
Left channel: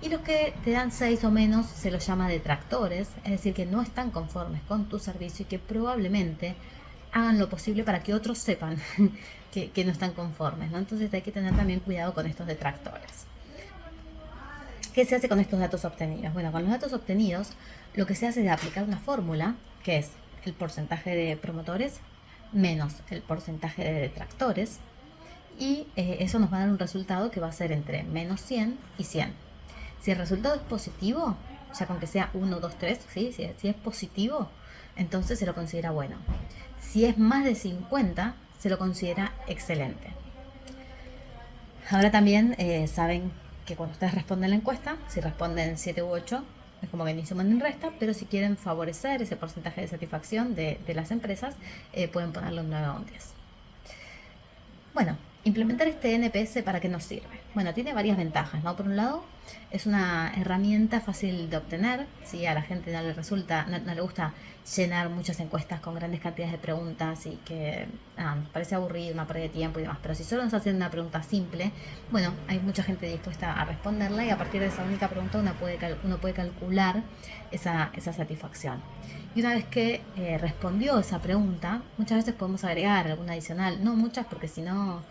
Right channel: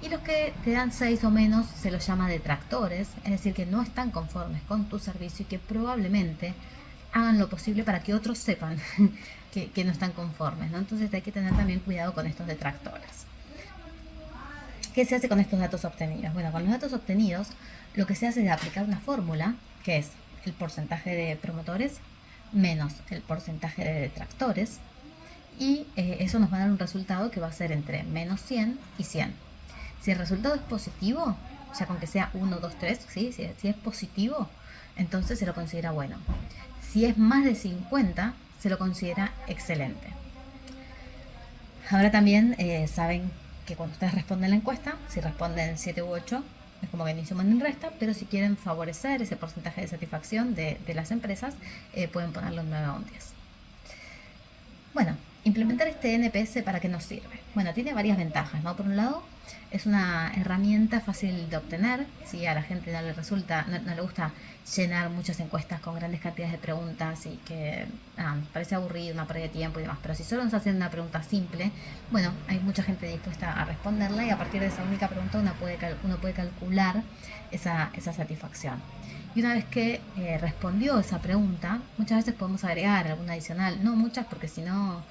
Y los que te dan 6 o menos se los llama detractores, es decir, que no están conformes con tu servicio y que probablemente hagan lo posible para que otros sepan que no están conformes, ¿no? Entonces hay que tener también cuidado con estos detractores. ¿Qué se hace con estos datos obtenidos? Bueno, con los datos obtenidos lo que se hace es aplicar una fórmula, que es el porcentaje de promotores menos el porcentaje de detractores, y eso nos va a dar un resultado que va a ser entre menos 100 y 100. Si el resultado es positivo, o sea, con que sea 1, 2, 3, ¿sí? Si es positivo, entonces se lo considera bueno. Si es más de 50, se lo considera excelente. Ahora también saben que cuando ustedes responden la encuesta, si responden 7 u 8, es como que ni suman ni restan, pero si quieren favorecer ese porcentaje de satisfacción de las empresas, pueden ponerlo en 9 o un 10. Bueno, implementar este NPS, ¿para qué nos sirve? Bueno, tiene varias ventajas, ¿no? Por un lado, es una herramienta fácil de obtener. Si a la gente no le resulta, no le gusta llenar muchas encuestas con grandes cantidades de preguntas y que parece aburrido, una pérdida de tiempo y demás. Pero si solo nos hacen una pregunta simple, bueno, hay mucha gente dispuesta a responderla y a partir de esa única pregunta uno puede calcular esa satisfacción. Y una vez que respondió esa pregunta, muchas veces podemos agregar alguna adicional, no muchas porque si no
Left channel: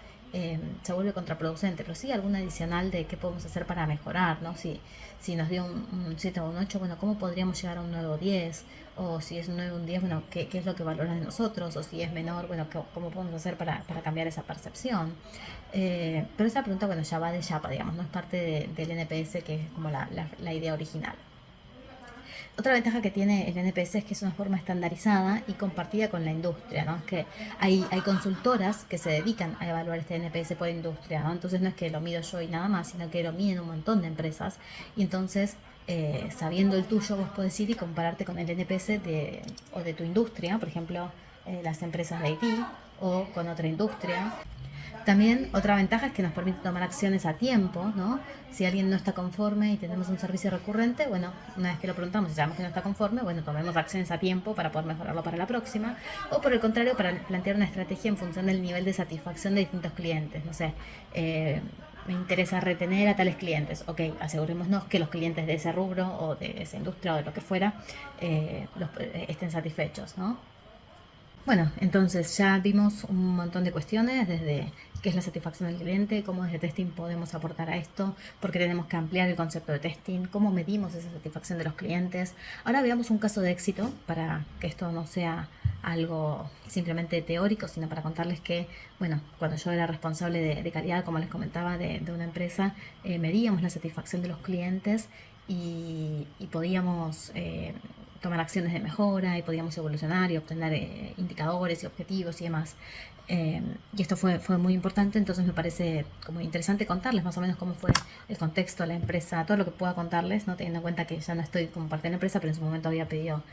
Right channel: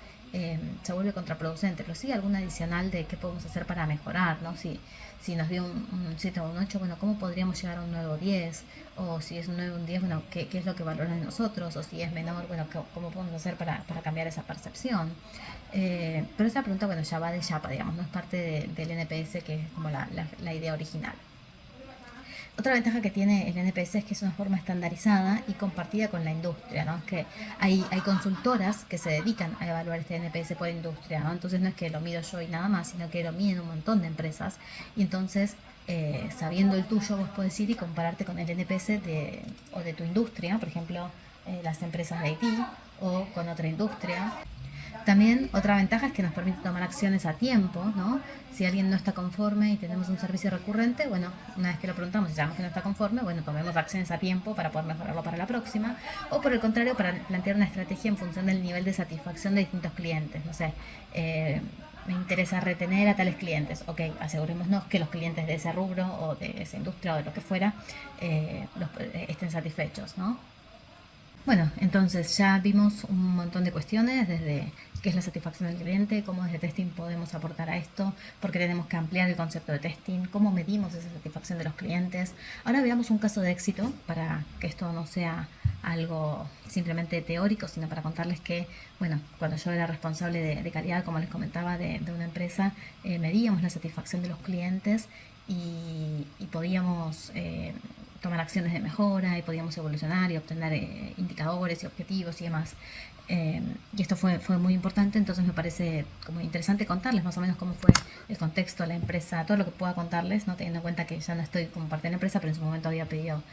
se vuelve contraproducente, pero sí alguna adicional de qué podemos hacer para mejorar, ¿no? Si nos dio un 7 o un 8, bueno, ¿cómo podríamos llegar a un 9 o 10? O si es un 9 o un 10, bueno, ¿qué es lo que valora de nosotros? O si es menor, bueno, ¿cómo podemos hacer para cambiar esa percepción? Pero esa pregunta, bueno, ya va de Yapa, digamos, no es parte del NPS, que es como la idea original. Otra ventaja que tiene el NPS es que es una forma estandarizada y compartida con la industria, ¿no? Es que hay consultoras que se dedican a evaluar este NPS por industria, ¿no? Entonces no es que lo mido yo y nada más, sino que lo miden un montón de empresas. Y entonces, sabiendo el tuyo, vos podés ir y compararte con el NPS de tu industria, por ejemplo, las empresas de IT o con otra industria. También otra ventaja es que nos permite tomar acciones a tiempo, ¿no? Si alguien no está conforme y tenemos un servicio recurrente, bueno, una vez que lo preguntamos y sabemos que no está conforme, bueno, tomemos acciones a tiempo para poder mejorarlo para la próxima. O por el contrario, para plantear una estrategia en función del nivel de satisfacción de distintos clientes. No sé, me interesa retener a tales clientes. Ok, asegurémonos que los clientes de ese rubro o de esa industria o de lo que fuera estén satisfechos, ¿no? Bueno, entonces ya vimos un montón de cuestiones, desde qué es la satisfacción del cliente, cómo desde testing podemos aportar a esto, por qué tenemos que ampliar el concepto de testing, cómo medimos esa satisfacción de los clientes. Ahora veamos un caso de éxito para que esto no sea algo simplemente teórico, sino para contarles que, bueno, cuando yo era responsable de calidad, como les comentaba, de una empresa, medíamos la satisfacción de los clientes y podíamos tomar acciones de mejora y podíamos evolucionar y obtener indicadores y objetivos y demás. Y esto fue muy importante, entonces me parece como interesante contarles más o menos cómo fue el contexto de la empresa, todo lo que pueda contarles, ¿no? Teniendo en cuenta que ya no estoy como parte de la empresa, pero en su momento había pedido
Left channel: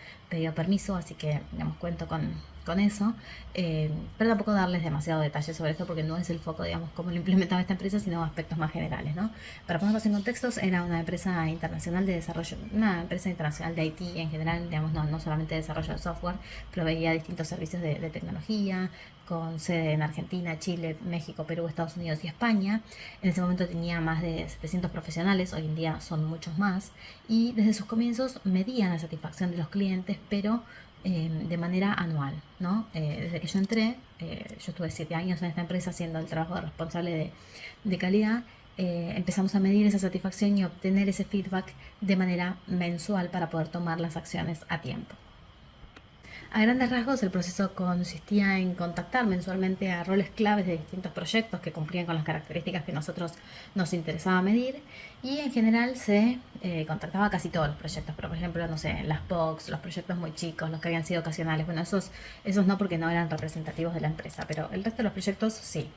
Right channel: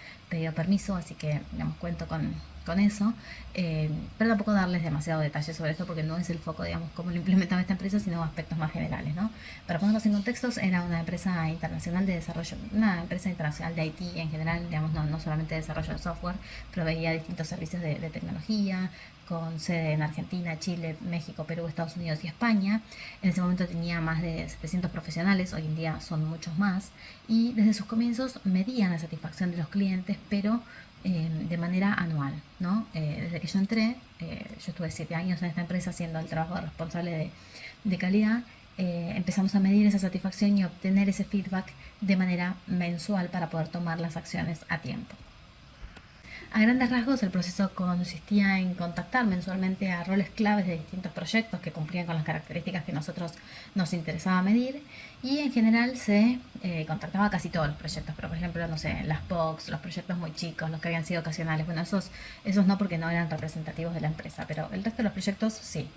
permiso, así que digamos, cuento con eso. Pero tampoco darles demasiado detalle sobre esto porque no es el foco, digamos, cómo lo implementaba esta empresa, sino aspectos más generales, ¿no? Para ponerlos en contextos, era una empresa internacional de desarrollo, una empresa internacional de IT en general, digamos, no solamente de desarrollo de software, proveía distintos servicios de tecnología, con sede en Argentina, Chile, México, Perú, Estados Unidos y España. En ese momento tenía más de 700 profesionales, hoy en día son muchos más, y desde sus comienzos medían la satisfacción de los clientes, pero de manera anual, ¿no? Desde que yo entré, yo estuve 7 años en esta empresa haciendo el trabajo de responsable de calidad. Empezamos a medir esa satisfacción y obtener ese feedback de manera mensual para poder tomar las acciones a tiempo. A grandes rasgos, el proceso consistía en contactar mensualmente a roles claves de distintos proyectos que cumplían con las características que nosotros nos interesaba medir, y en general se contactaba a casi todos los proyectos, pero por ejemplo, no sé, las POCs, los proyectos muy chicos, los que habían sido ocasionales, bueno, esos no porque no eran representativos de la empresa, pero el resto de los proyectos sí.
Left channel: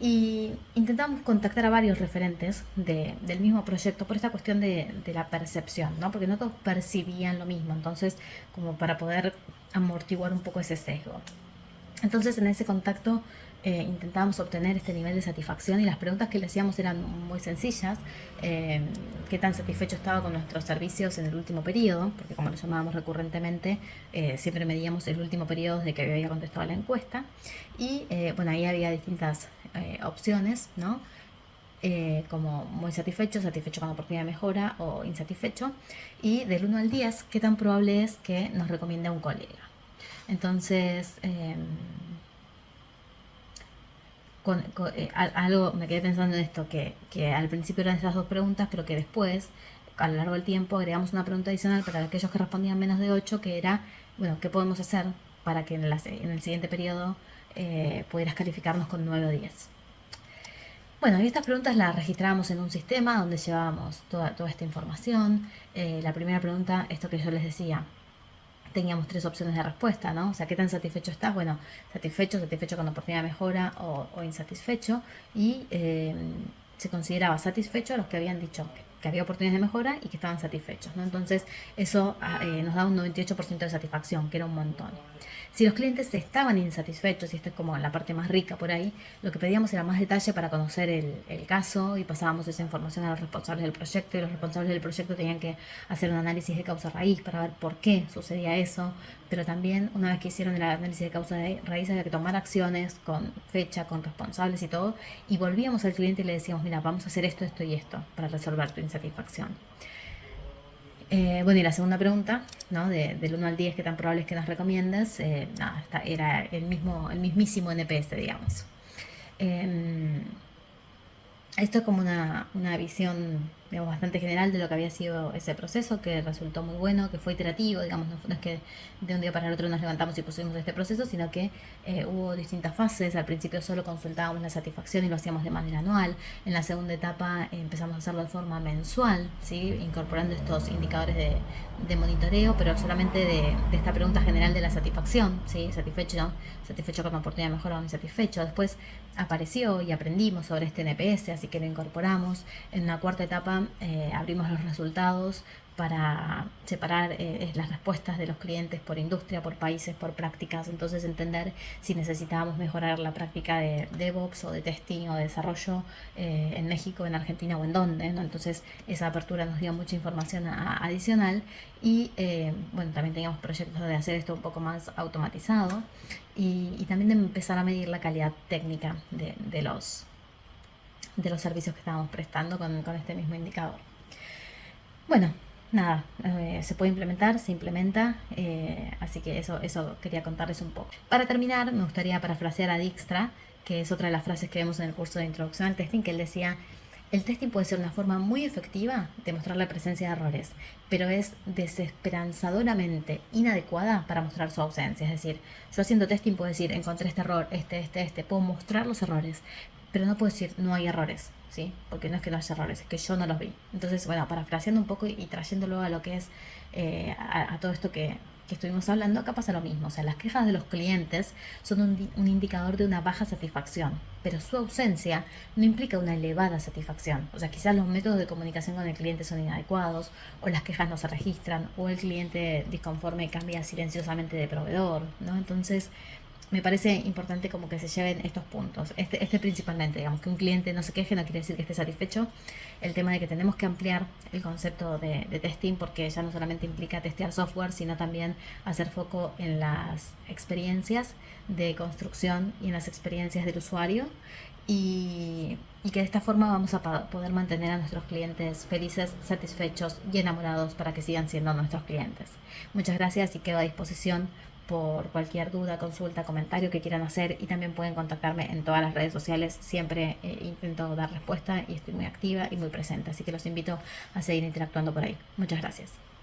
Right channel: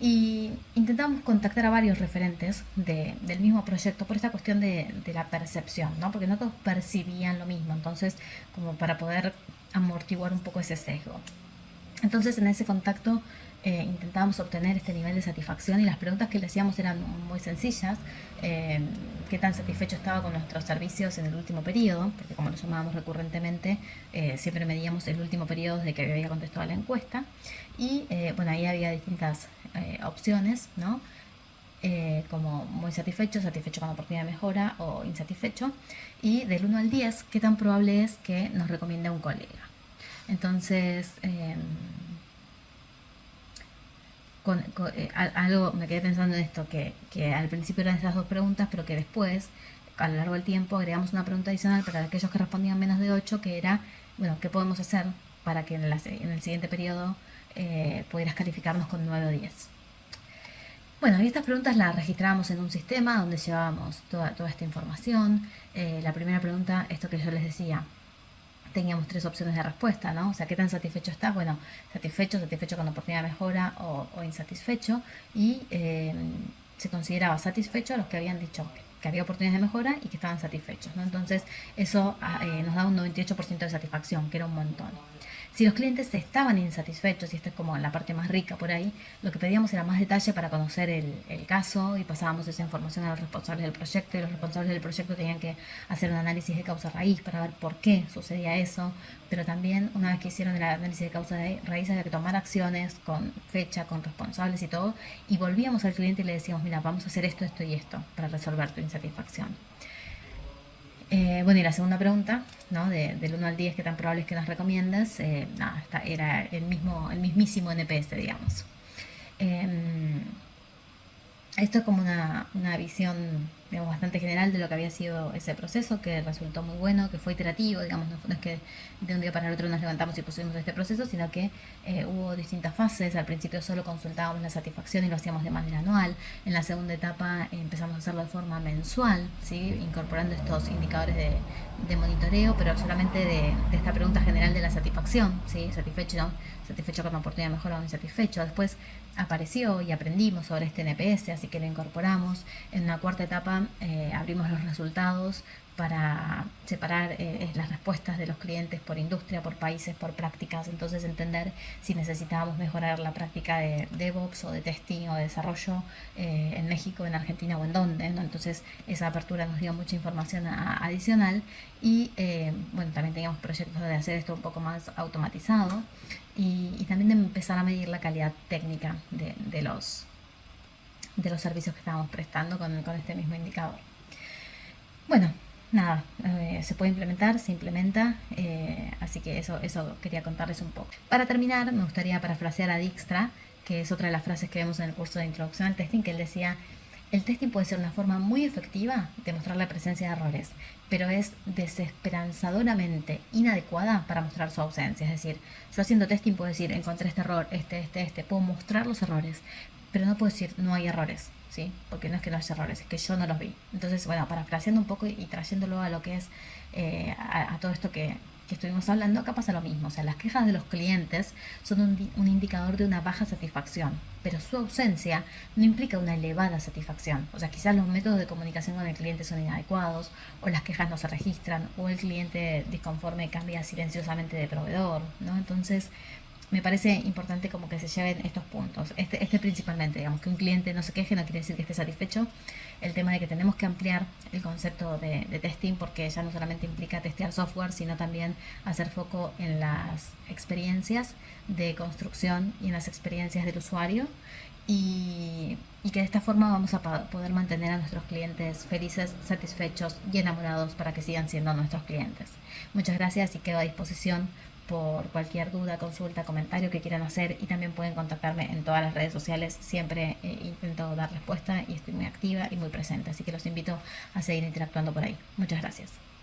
Y intentamos contactar a varios referentes del mismo proyecto por esta cuestión de la percepción, ¿no? Porque no todos percibían lo mismo, entonces como para poder amortiguar un poco ese sesgo. Entonces en ese contacto intentábamos obtener este nivel de satisfacción y las preguntas que le hacíamos eran muy sencillas. ¿Qué tan satisfecho estaba con nuestros servicios en el último periodo? Porque como lo llamábamos recurrentemente, siempre medíamos el último periodo desde que había contestado la encuesta. Y bueno, ahí había distintas opciones, ¿no? Como muy satisfecho, satisfecho con la oportunidad de mejora o insatisfecho. Y del 1 al 10, ¿qué tan probable es que nos recomiende un colega? Entonces, algo me quedé pensando en esto, que al principio eran esas dos preguntas, pero que después, a lo largo del tiempo, agregamos una pregunta adicional para aquellos que respondían menos de 8, que era, bueno, ¿qué podemos hacer para que en el siguiente periodo pudieras calificarnos con 9 o 10? Bueno, y estas preguntas las registrábamos en un sistema donde llevábamos toda esta información. La primera pregunta, esto que yo les decía, teníamos 3 opciones de respuesta, ¿no? O sea, ¿qué tan satisfecho está? Bueno, satisfecho con la oportunidad de mejora o insatisfecho. Y se consideraba satisfecho a los que habían dicho que había oportunidades de mejora y que estaban satisfechos, ¿no? Entonces, eso nos da un 98% de satisfacción, que era un montón. Si los clientes estaban insatisfechos, y esto es como la parte más rica por ahí, lo que pedíamos era más detalle para conocer el caso y pasábamos esa información a los responsables del proyecto, y los responsables del proyecto tenían que hacer un análisis de causa raíz para ver por qué sucedía eso, pero también una vez que hicieron el análisis de causa raíz había que tomar acciones con fecha, con responsables y todo, y volvíamos al cliente y le decíamos, mira, vamos a hacer esto, esto y esto para resolver tu insatisfacción. Bueno, y la segunda pregunta, ¿no? Del 1 al 10, ¿qué tan probable es que nos recomiendas? Nada, era el mismísimo NPS, digamos. Esto es como una visión, digamos, bastante general de lo que había sido ese proceso, que resultó muy bueno, que fue iterativo, digamos, no es que de un día para el otro nos levantamos y pusimos este proceso, sino que hubo distintas fases. Al principio solo consultábamos la satisfacción y lo hacíamos de manera anual. En la segunda etapa empezamos a hacerlo de forma mensual, ¿sí? Incorporando estos indicadores de monitoreo, pero solamente de esta pregunta general de la satisfacción, ¿sí? Satisfecho con la oportunidad de mejora o insatisfecho. Después apareció y aprendimos sobre este NPS, así que lo incorporamos. En la cuarta etapa abrimos los resultados para separar las respuestas de los clientes por industria, por países, por prácticas. Entonces entender si necesitábamos mejorar la práctica de DevOps o de testing o de desarrollo en México, en Argentina o en dónde, ¿no? Entonces esa apertura nos dio mucha información adicional. Y bueno, también teníamos proyectos de hacer esto un poco más automatizado y también de empezar a medir la calidad técnica de los servicios que estábamos prestando con este mismo indicador. Bueno, nada, se puede implementar, se implementa, así que eso quería contarles un poco. Para terminar, me gustaría parafrasear a Dijkstra, que es otra de las frases que vemos en el curso de introducción al testing, que él decía: el testing puede ser una forma muy efectiva de mostrar la presencia de errores, pero es desesperanzadoramente inadecuada para mostrar su ausencia. Es decir, yo haciendo testing puedo decir, encontré este error, puedo mostrar los errores, pero no puedo decir no hay errores, ¿sí? Porque no es que no haya errores, es que yo no los vi. Entonces, bueno, parafraseando un poco y trayéndolo a lo que es a todo esto que estuvimos hablando, acá pasa lo mismo. O sea, las quejas de los clientes son un indicador de una baja satisfacción, pero su ausencia no implica una elevada satisfacción. O sea, quizás los métodos de comunicación con el cliente son inadecuados, o las quejas no se registran, o el cliente disconforme cambia silenciosamente de proveedor, ¿no? Entonces, me parece importante como que se lleven estos puntos. Este principalmente, digamos, que un cliente no se queje no quiere decir que esté satisfecho. El tema de que tenemos que ampliar el concepto de testing porque ya no solamente implica testear software, sino también hacer foco en las experiencias de construcción y en las experiencias del usuario. Y que de esta forma vamos a poder mantener a nuestros clientes felices, satisfechos y enamorados para que sigan siendo nuestros clientes. Muchas gracias y quedo a disposición por cualquier duda, consulta, comentario que quieran hacer y también pueden contactarme en todas las redes sociales. Siempre intento dar respuesta y estoy muy activa y muy presente, así que los invito a seguir interactuando por ahí. Muchas gracias.